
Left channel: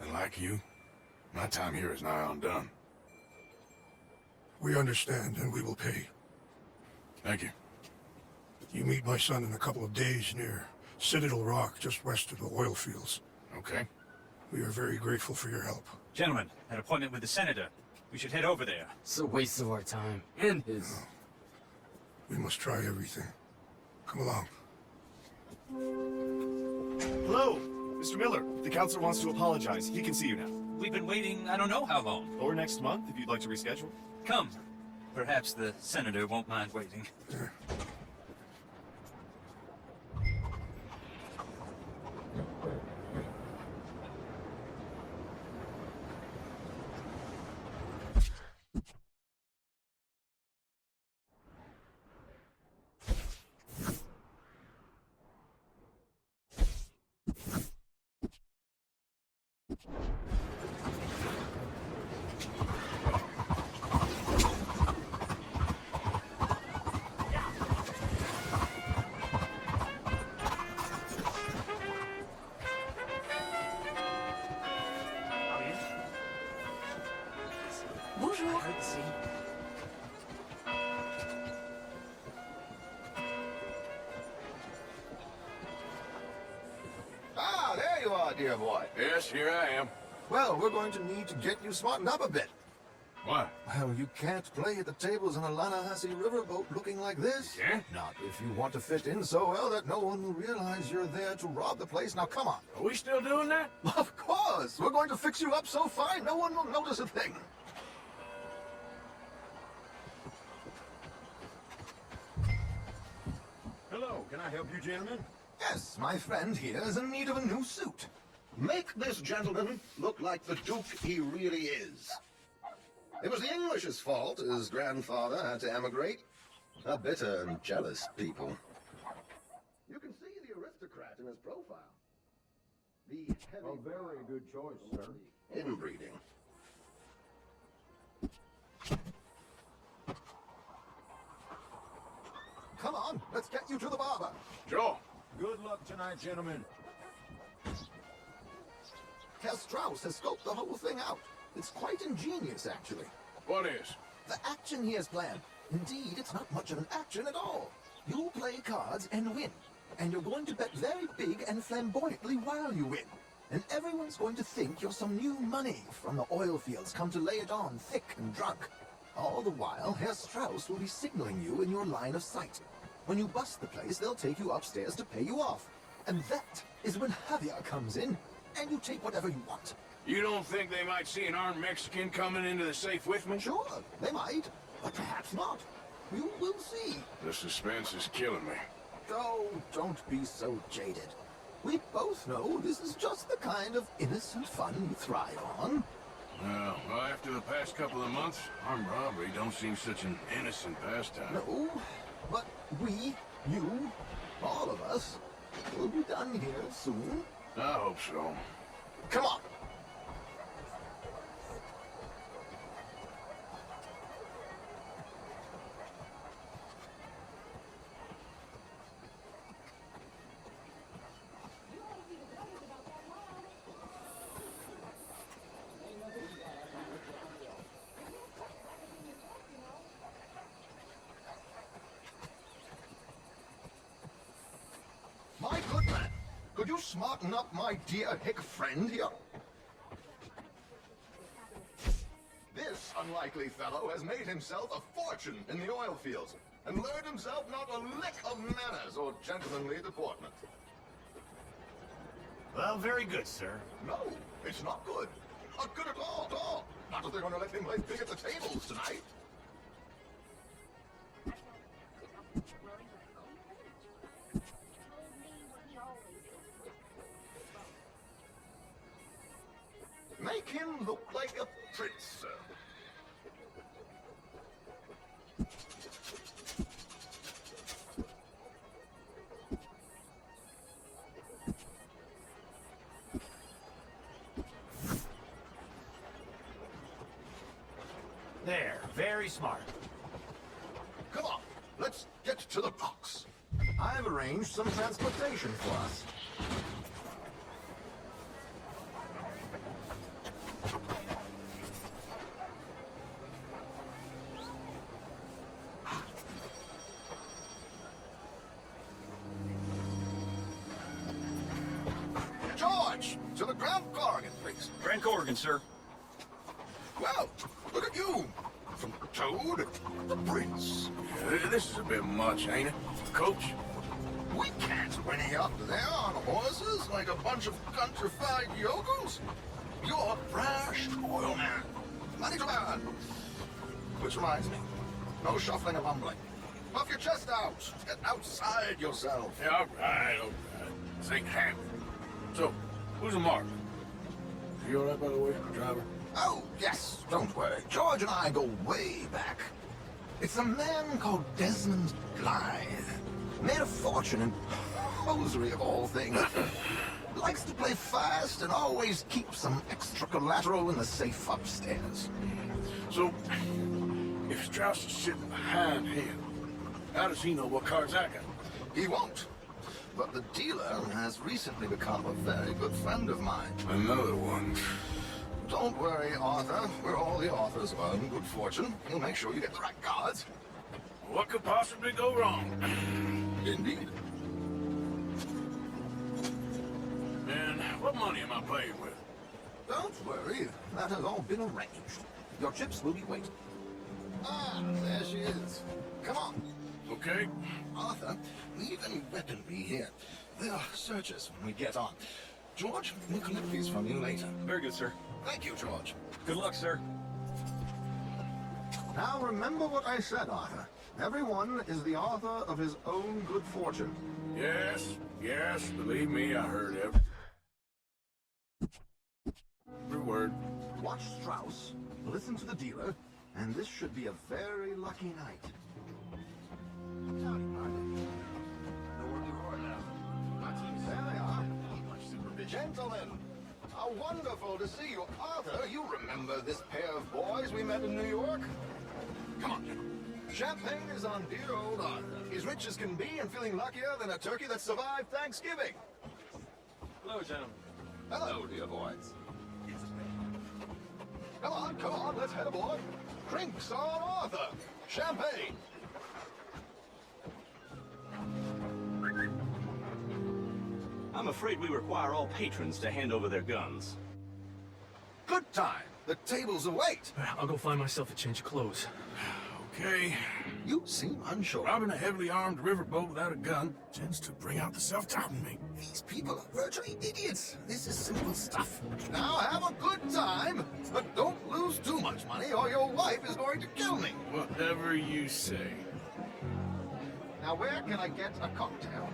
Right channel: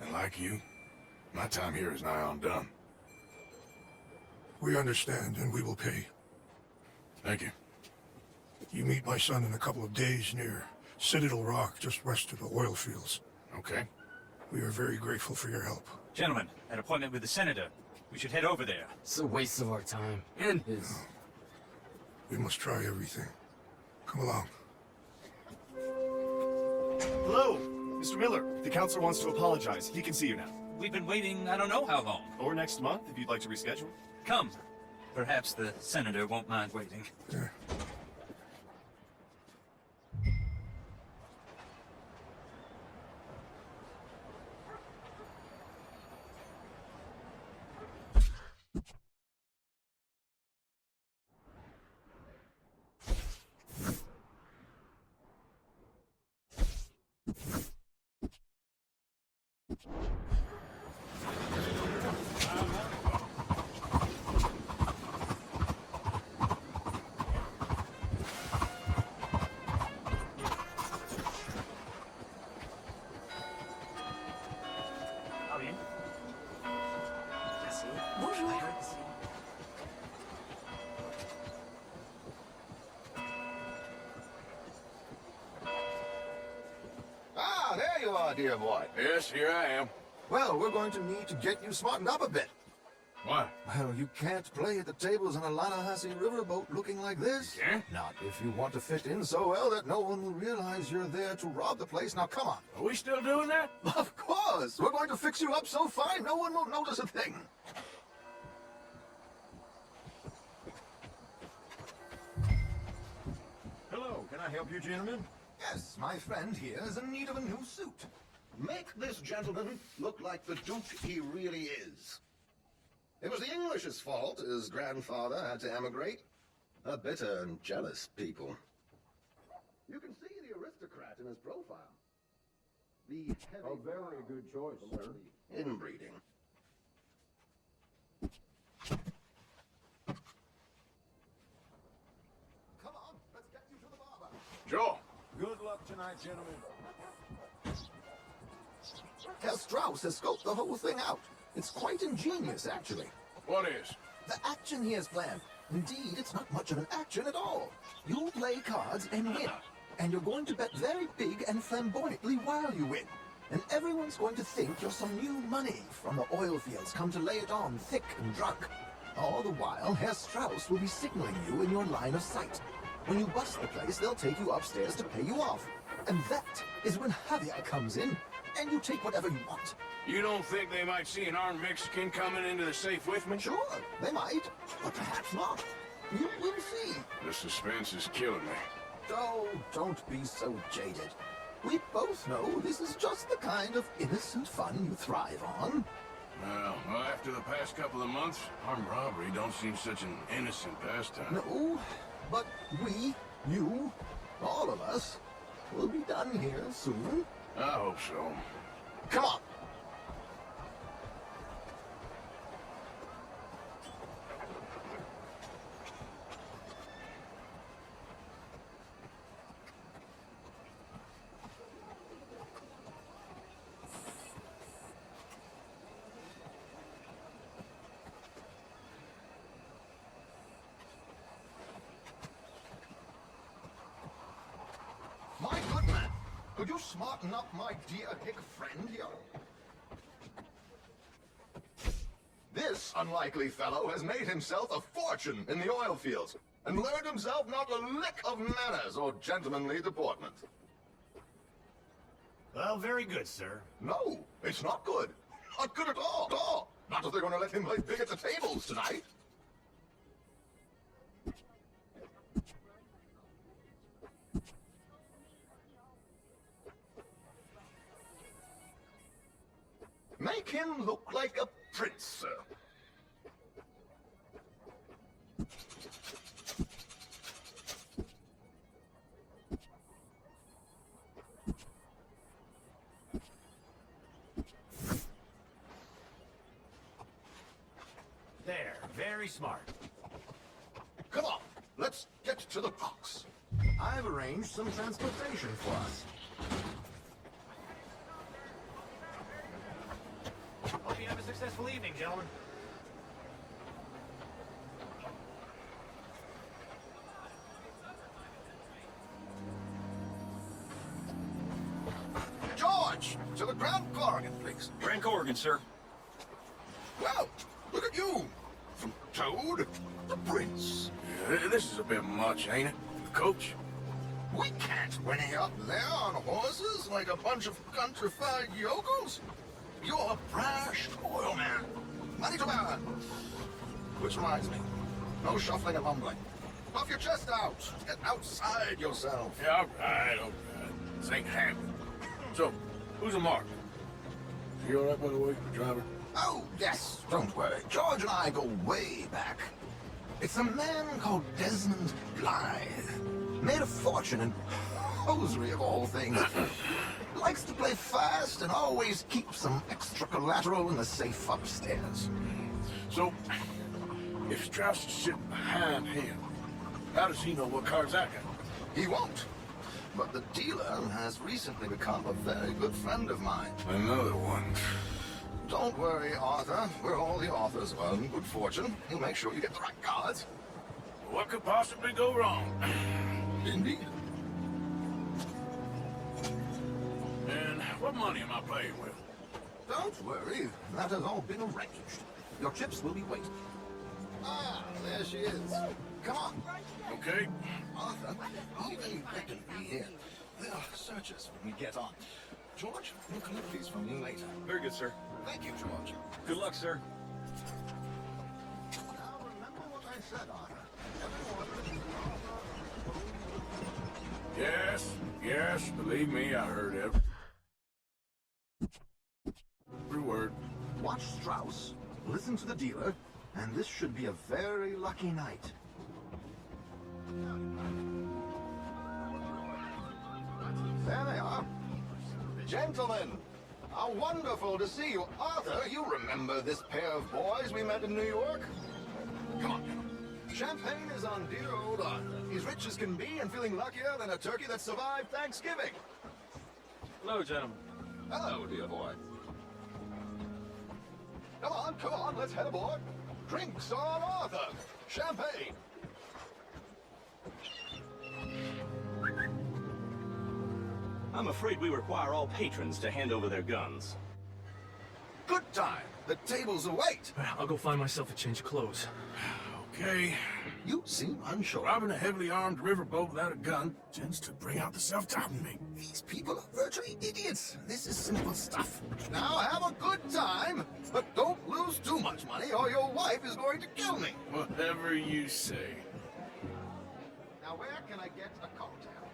And like you, my time here is nigh on done. We understand, and we will pay. Thank you. You meet my son in a couple of days near Citadel Rock, just west of the oil fields. Okay. We are very grateful for your help. Gentlemen, an appointment with the senator. We should head over there. It's a waste of our time. And his. We must try everything. Come along. Hello, Mr. Miller. The counselor wants to apologize. He can see you now. We've been waiting I don't know how long. Or next month, if you'd like to reschedule. Come. Perhaps the senator won't mind waiting. Yeah. Ah, there you are, dear boy. Yes, here I am. Well, we're going to need to get you smartened up a bit. Why? Well, you can't play at the tables on a Lannahechee riverboat looking like this. Yeah? Not if you want to fit in so well that no one will realize you're there to rob the place. Now, come on. Are we still doing that? Of course. We're going to fix you up so fine, no one will notice a thing. Hello, can I help you, gentlemen? Yes, my friend here is in need of a new suit. Make this gentleman look like the Duke he really is. It was the English's fault his grandfather had to emigrate. A bitter and jealous people. You can see the aristocrat in his profile. The heavy... A very good choice, sir. Inbreeding. Come on, let's get you to the barber. Joe. Good luck tonight, gentlemen. Herr Strauss has scoped the whole thing out. It's quite ingenious, actually. What is? The action he has planned. Indeed, it's not much of an action at all. You'll play cards and win. And you're going to bet very big and flamboyantly while you win. And everyone's going to think you're some new money from the oil fields come to lay it on thick and drunk. All the while, Herr Strauss will be signaling you in your line of sight. When you bust the place, they'll take you upstairs to pay you off. And that is when Javier comes in, and you take whatever you want. You don't think they might see an armed Mexican coming into the safe with me? Sure, they might, but perhaps not. You will see. The suspense is killing me. Oh, don't be so jaded. We both know this is just the kind of innocent fun you thrive on. Well, after the past couple of months, armed robbery don't seem such an innocent pastime. No, but we, you, all of us, will be done here soon. I hope so. Come on. My good man, could you smarten up my dear hick friend here? This unlikely fellow has made himself a fortune in the oil fields and learned himself not a lick of manners or gentlemanly deportment. Well, very good, sir. No, it's not good. Not good at all. At all. Not if they're going to let him play big at the tables tonight. Make him look like a prince, sir. There, very smart. Come on, let's get to the box. I've arranged some transportation for us. Hope you have a successful evening, gentlemen. George, to the Grand Corrigan, please. Grand Corrigan, sir. Well, look at you. From Toad to Prince. This is a bit much, ain't it? Coach? We can't whinny up there on horses like a bunch of countrified yokels. You're a brash oil man. Money to burn. Which reminds me, no shuffling and mumbling. Puff your chest out. Get outside yourself. Yeah, all right. This ain't happening. So, who's a mark? You all right, by the way, driver? Oh, yes, don't worry. George and I go way back. It's a man called Desmond Blythe. Made a fortune in hosiery of all things. Likes to play fast and always keeps some extra collateral in the safe upstairs. So, if Strauss is sitting behind him, how does he know what cards I got? He won't. But the dealer has recently become a very good friend of mine. Another one. Don't worry, Arthur. We're all the authors of good fortune. He'll make sure you get the right cards. What could possibly go wrong? Indeed. And what money am I playing with? Don't worry. That has all been arranged. Your chips will be waiting. Ah, there she is. Come on. Okay. Arthur, even weaponry here. They'll search us when we get on. George, we'll collect these from you later. Very good, sir. Thank you, George. Good luck, sir. Now remember what I said, Arthur. Everyone is the author of his own good fortune. Yes, believe me, I heard every word. Watch Strauss, listen to the dealer, and this should be a very lucky night. There they are. Gentlemen, how wonderful to see you. Arthur, you remember this pair of boys we met in New York? Come on. Champagne is on dear old Arthur. He's rich as can be and feeling luckier than a turkey that survived Thanksgiving. Hello, gentlemen. Hello, dear boys. Come on, let's head aboard. Drinks on Arthur. Champagne. I'm afraid we require all patrons to hand over their guns. Good time. The tables await. I'll go find myself a change of clothes. Okay. You seem unsure. Robbing a heavily armed riverboat without a gun tends to bring out the self-doubt in me. These people are virtually idiots. This is simple stuff. Now have a good time, but don't lose too much money or your wife is going to kill me. Whatever you say. Now where can I get a cocktail?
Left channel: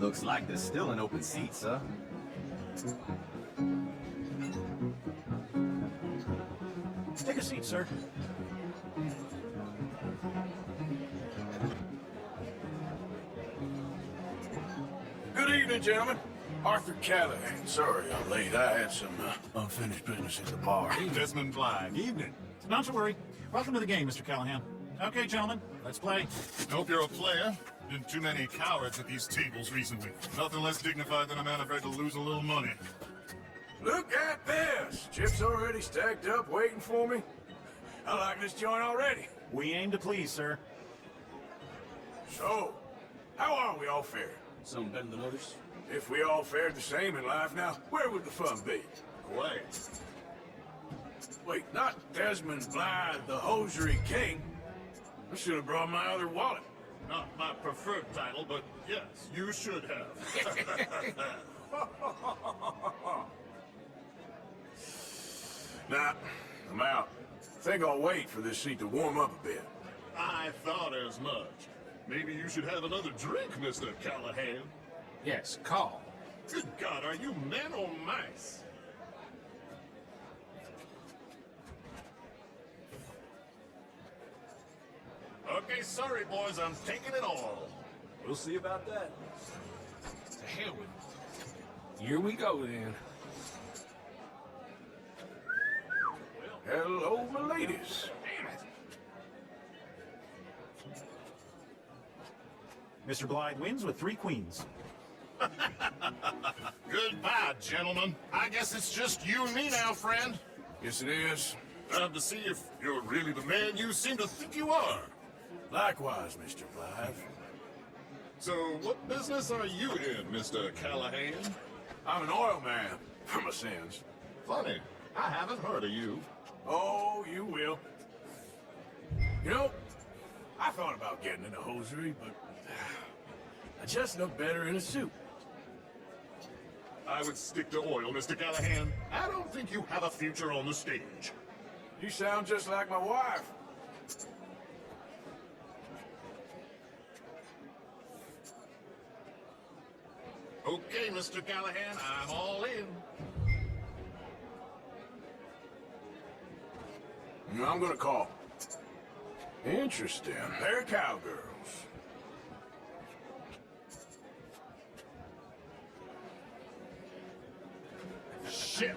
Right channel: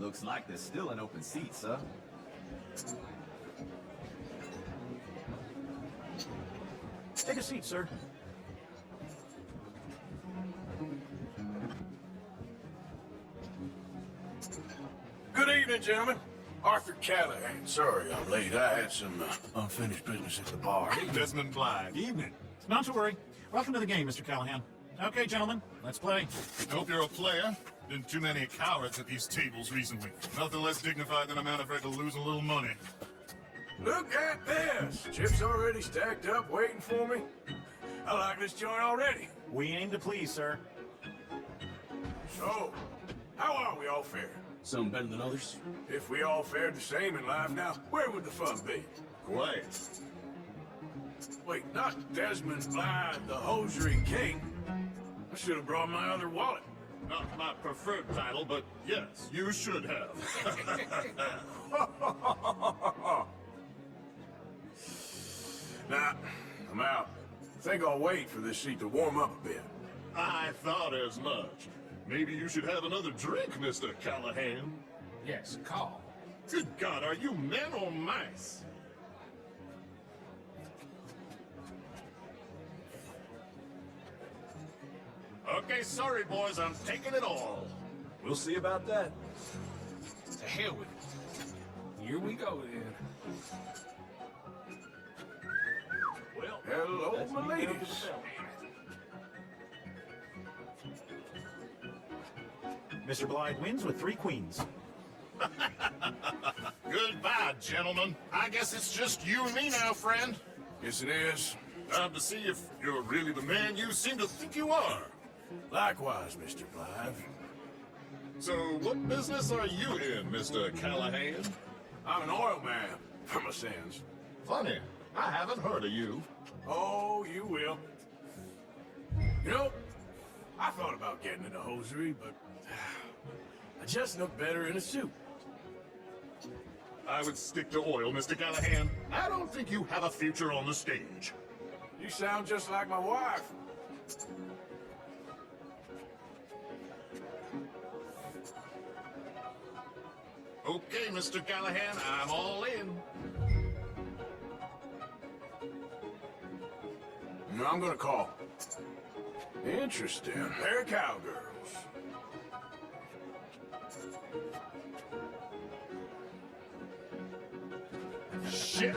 Looks like there's still an open seat, sir. Take a seat, sir. Good evening, gentlemen. Arthur Callahan. Sorry I'm late. I had some unfinished business at the bar. Desmond Blythe. Evening. Not to worry. Welcome to the game, Mr. Callahan. Okay, gentlemen, let's play. Hope you're a player. Been too many cowards at these tables recently. Nothing less dignified than a man afraid to lose a little money. Look at this. Chips already stacked up, waiting for me. I like this joint already. We aim to please, sir. So, how are we all fared? Some better than others. If we all fared the same in life now, where would the fun be? Quiet. Wait, not Desmond Blythe, the hosiery king. I should have brought my other wallet. Not my preferred title, but yes, you should have. Nah, I'm out. I think I'll wait for this seat to warm up a bit. I thought as much. Maybe you should have another drink, Mr. Callahan. Yes, call. Good God, are you men or mice? Okay, sorry, boys, I'm taking it all. We'll see about that. To hell with it. Here we go, then. Hello, my ladies. Mr. Blythe wins with 3 queens. Goodbye, gentlemen. I guess it's just you and me now, friend. Yes, it is. Time to see if you're really the man you seem to think you are. Likewise, Mr. Blythe. So, what business are you in, Mr. Callahan? I'm an oil man, for my sins. Funny, I haven't heard of you. Oh, you will. You know, I thought about getting into hosiery, but I just look better in a suit. I would stick to oil, Mr. Callahan. I don't think you have a future on the stage. You sound just like my wife. Okay, Mr. Callahan, I'm all in. I'm gonna call. Interesting. They're cowgirls. Shit!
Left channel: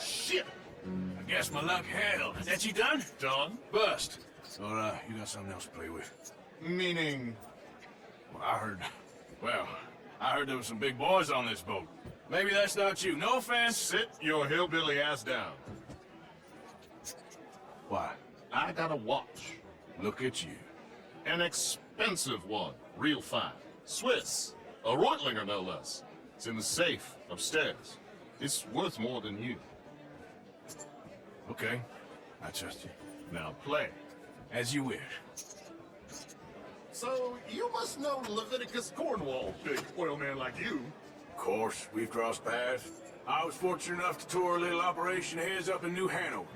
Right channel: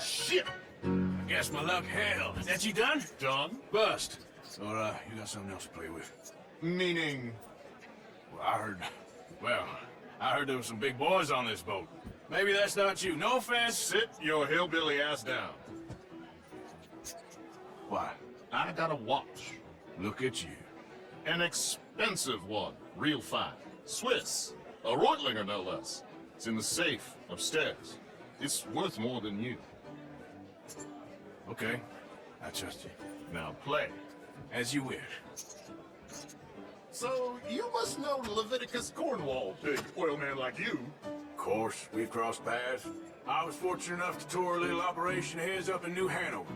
Shit! I guess my luck held. That you done? Done? Bust. Or, you got something else to play with? Meaning? Well, I heard there were some big boys on this boat. Maybe that's not you. No offense. Sit your hillbilly ass down. Why? I got a watch. Look at you. An expensive one. Real fine. Swiss. A Reutlinger, no less. It's in the safe upstairs. It's worth more than you. Okay. I trust you. Now play. As you wish. So, you must know Leviticus Cornwall, big oil man like you. Of course, we've crossed paths. I was fortunate enough to tour a little operation of his up in New Hanover.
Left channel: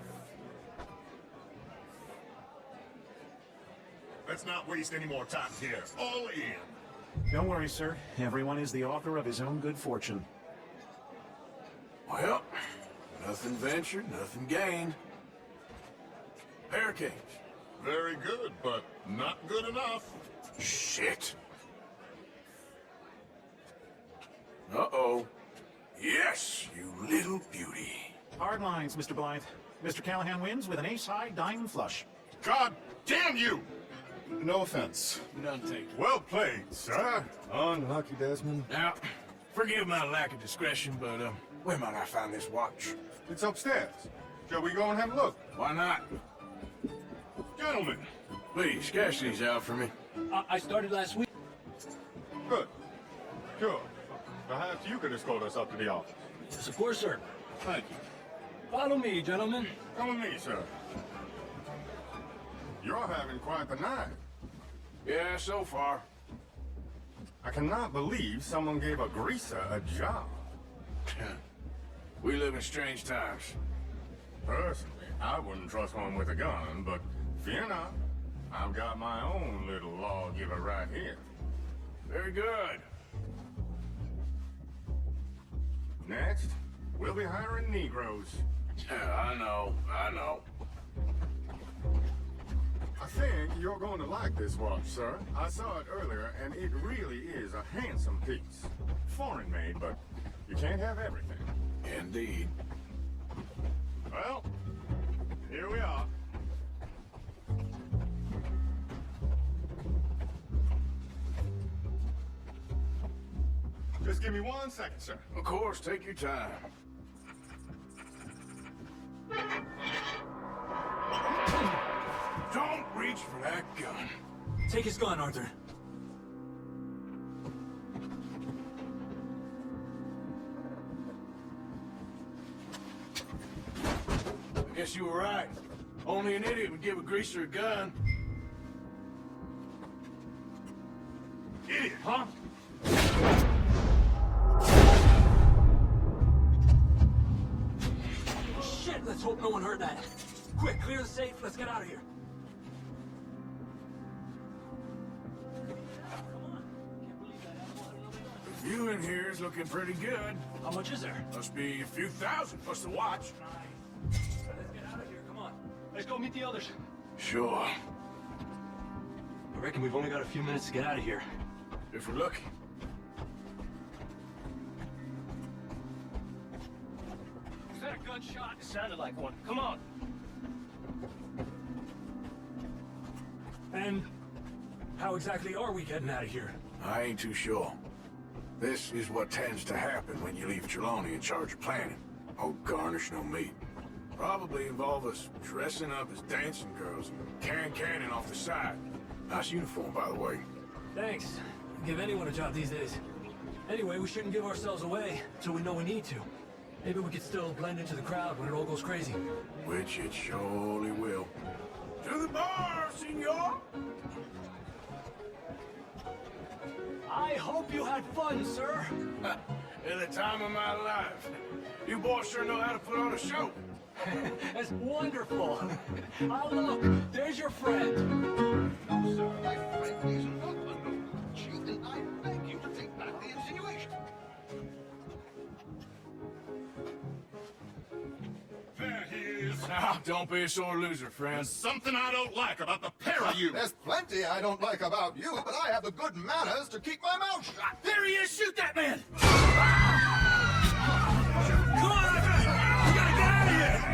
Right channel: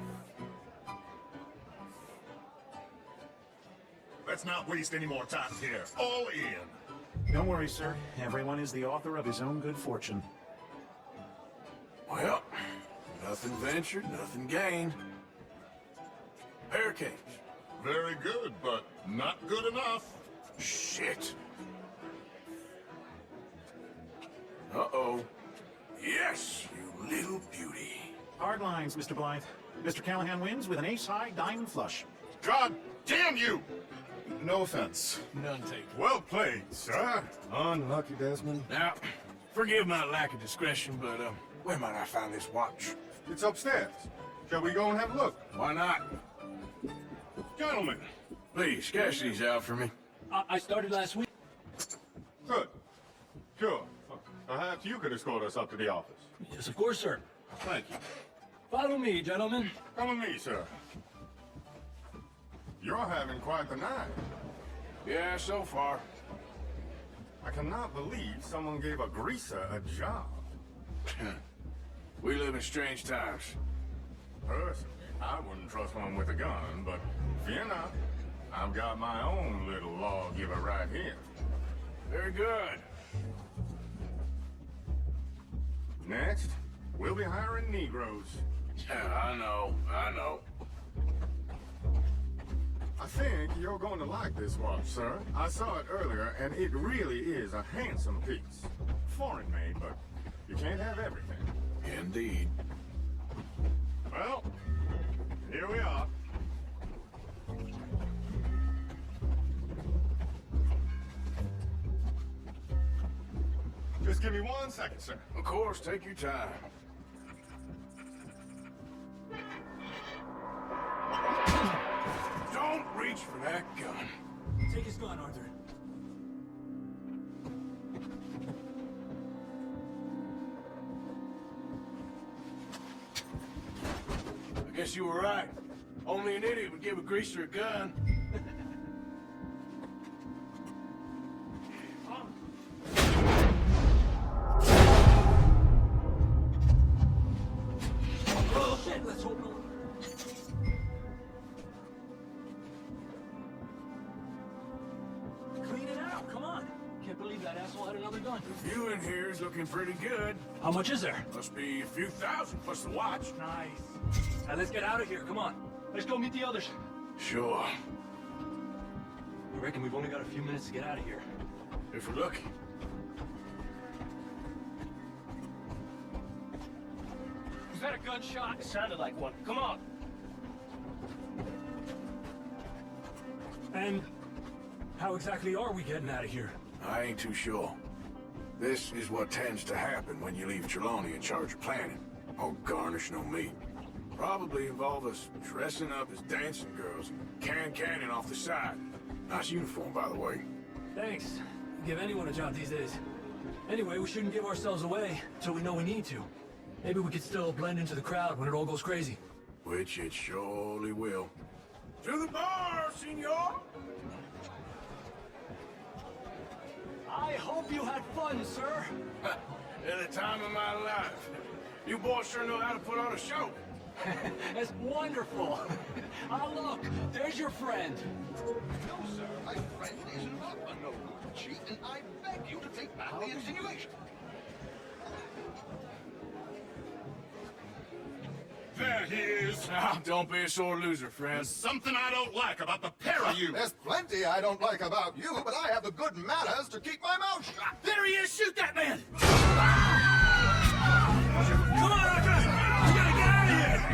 Let's not waste any more time here. All in. Don't worry, sir. Everyone is the author of his own good fortune. Well, nothing ventured, nothing gained. Hurricanes. Very good, but not good enough. Shit. Uh-oh. Yes, you little beauty. Hard lines, Mr. Blythe. Mr. Callahan wins with an ace-high diamond flush. God damn you! No offense. None taken. Well played, sir. Unlucky, Desmond. Now, forgive my lack of discretion, but, where might I find this watch? It's upstairs. Shall we go and have a look? Why not? Gentlemen. Please, cash these out for me. I started last week. Good. Sure. Perhaps you could escort us up to the office. Yes, of course, sir. Thank you. Follow me, gentlemen. Come with me, sir. You're having quite the night. Yeah, so far. I cannot believe someone gave a greaser a job. We live in strange times. Personally, I wouldn't trust one with a gun, but fear not. I've got my own little lawgiver right here. Very good. Next, we'll be hiring Negroes. I know. I think you're going to like this watch, sir. I saw it earlier, and it really is a handsome piece. Foreign made, but you can't have everything. Indeed. Well, here we are. Just give me 1 second, sir. Of course, take your time. Don't reach for that gun. Take his gun, Arthur. I guess you were right. Only an idiot would give a greaser a gun. Idiot, huh? Oh, shit! Let's hope no one heard that. Quick, clear the safe. Let's get out of here. Clean it out. Come on. Can't believe that asshole had another gun. The view in here is looking pretty good. How much is there? Must be a few thousand plus the watch. Nice. Now let's get out of here. Come on. Let's go meet the others. Sure. I reckon we've only got a few minutes to get out of here. If we're lucky. Was that a gunshot? It sounded like one. Come on. And how exactly are we getting out of here? I ain't too sure. This is what tends to happen when you leave Trelawney in charge of planning. Oh, garnish no meat. Probably involve us dressing up as dancing girls, cannon off the side. Nice uniform, by the way. Thanks. Give anyone a job these days. Anyway, we shouldn't give ourselves away until we know we need to. Maybe we could still blend into the crowd when it all goes crazy. Which it surely will. To the bar, senor! I hope you had fun, sir. At the time of my life. You boys sure know how to put on a show. That's wonderful. Oh, look, there's your friend. No, sir, my friend is not a noble cheat, and I beg you to take back the insinuation. There he is. Now, don't be a sore loser, friend. There's something I don't like about the pair of you. There's plenty I don't like about you, but I have the good manners to keep my mouth shut. There he is! Shoot that man! Come on, Arthur! We gotta get out of here!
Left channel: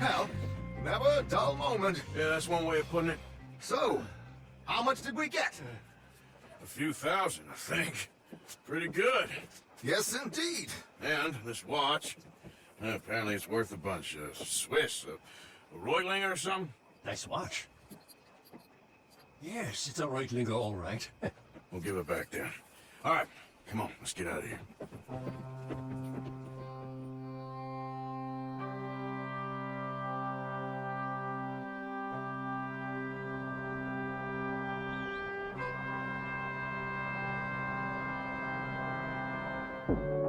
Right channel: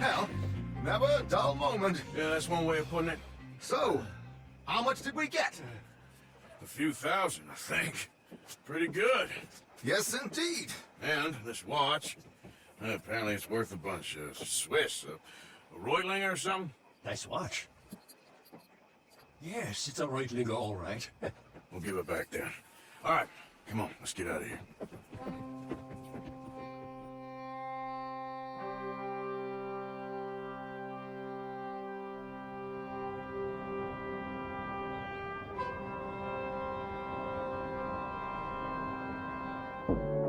Well, never a dull moment. Yeah, that's one way of putting it. So, how much did we get? A few thousand, I think. Pretty good. Yes, indeed. And this watch, apparently it's worth a bunch. Swiss, a Reutlinger or something? Nice watch. Yes, it's a Reutlinger, all right. We'll give it back then. All right, come on, let's get out of here. you.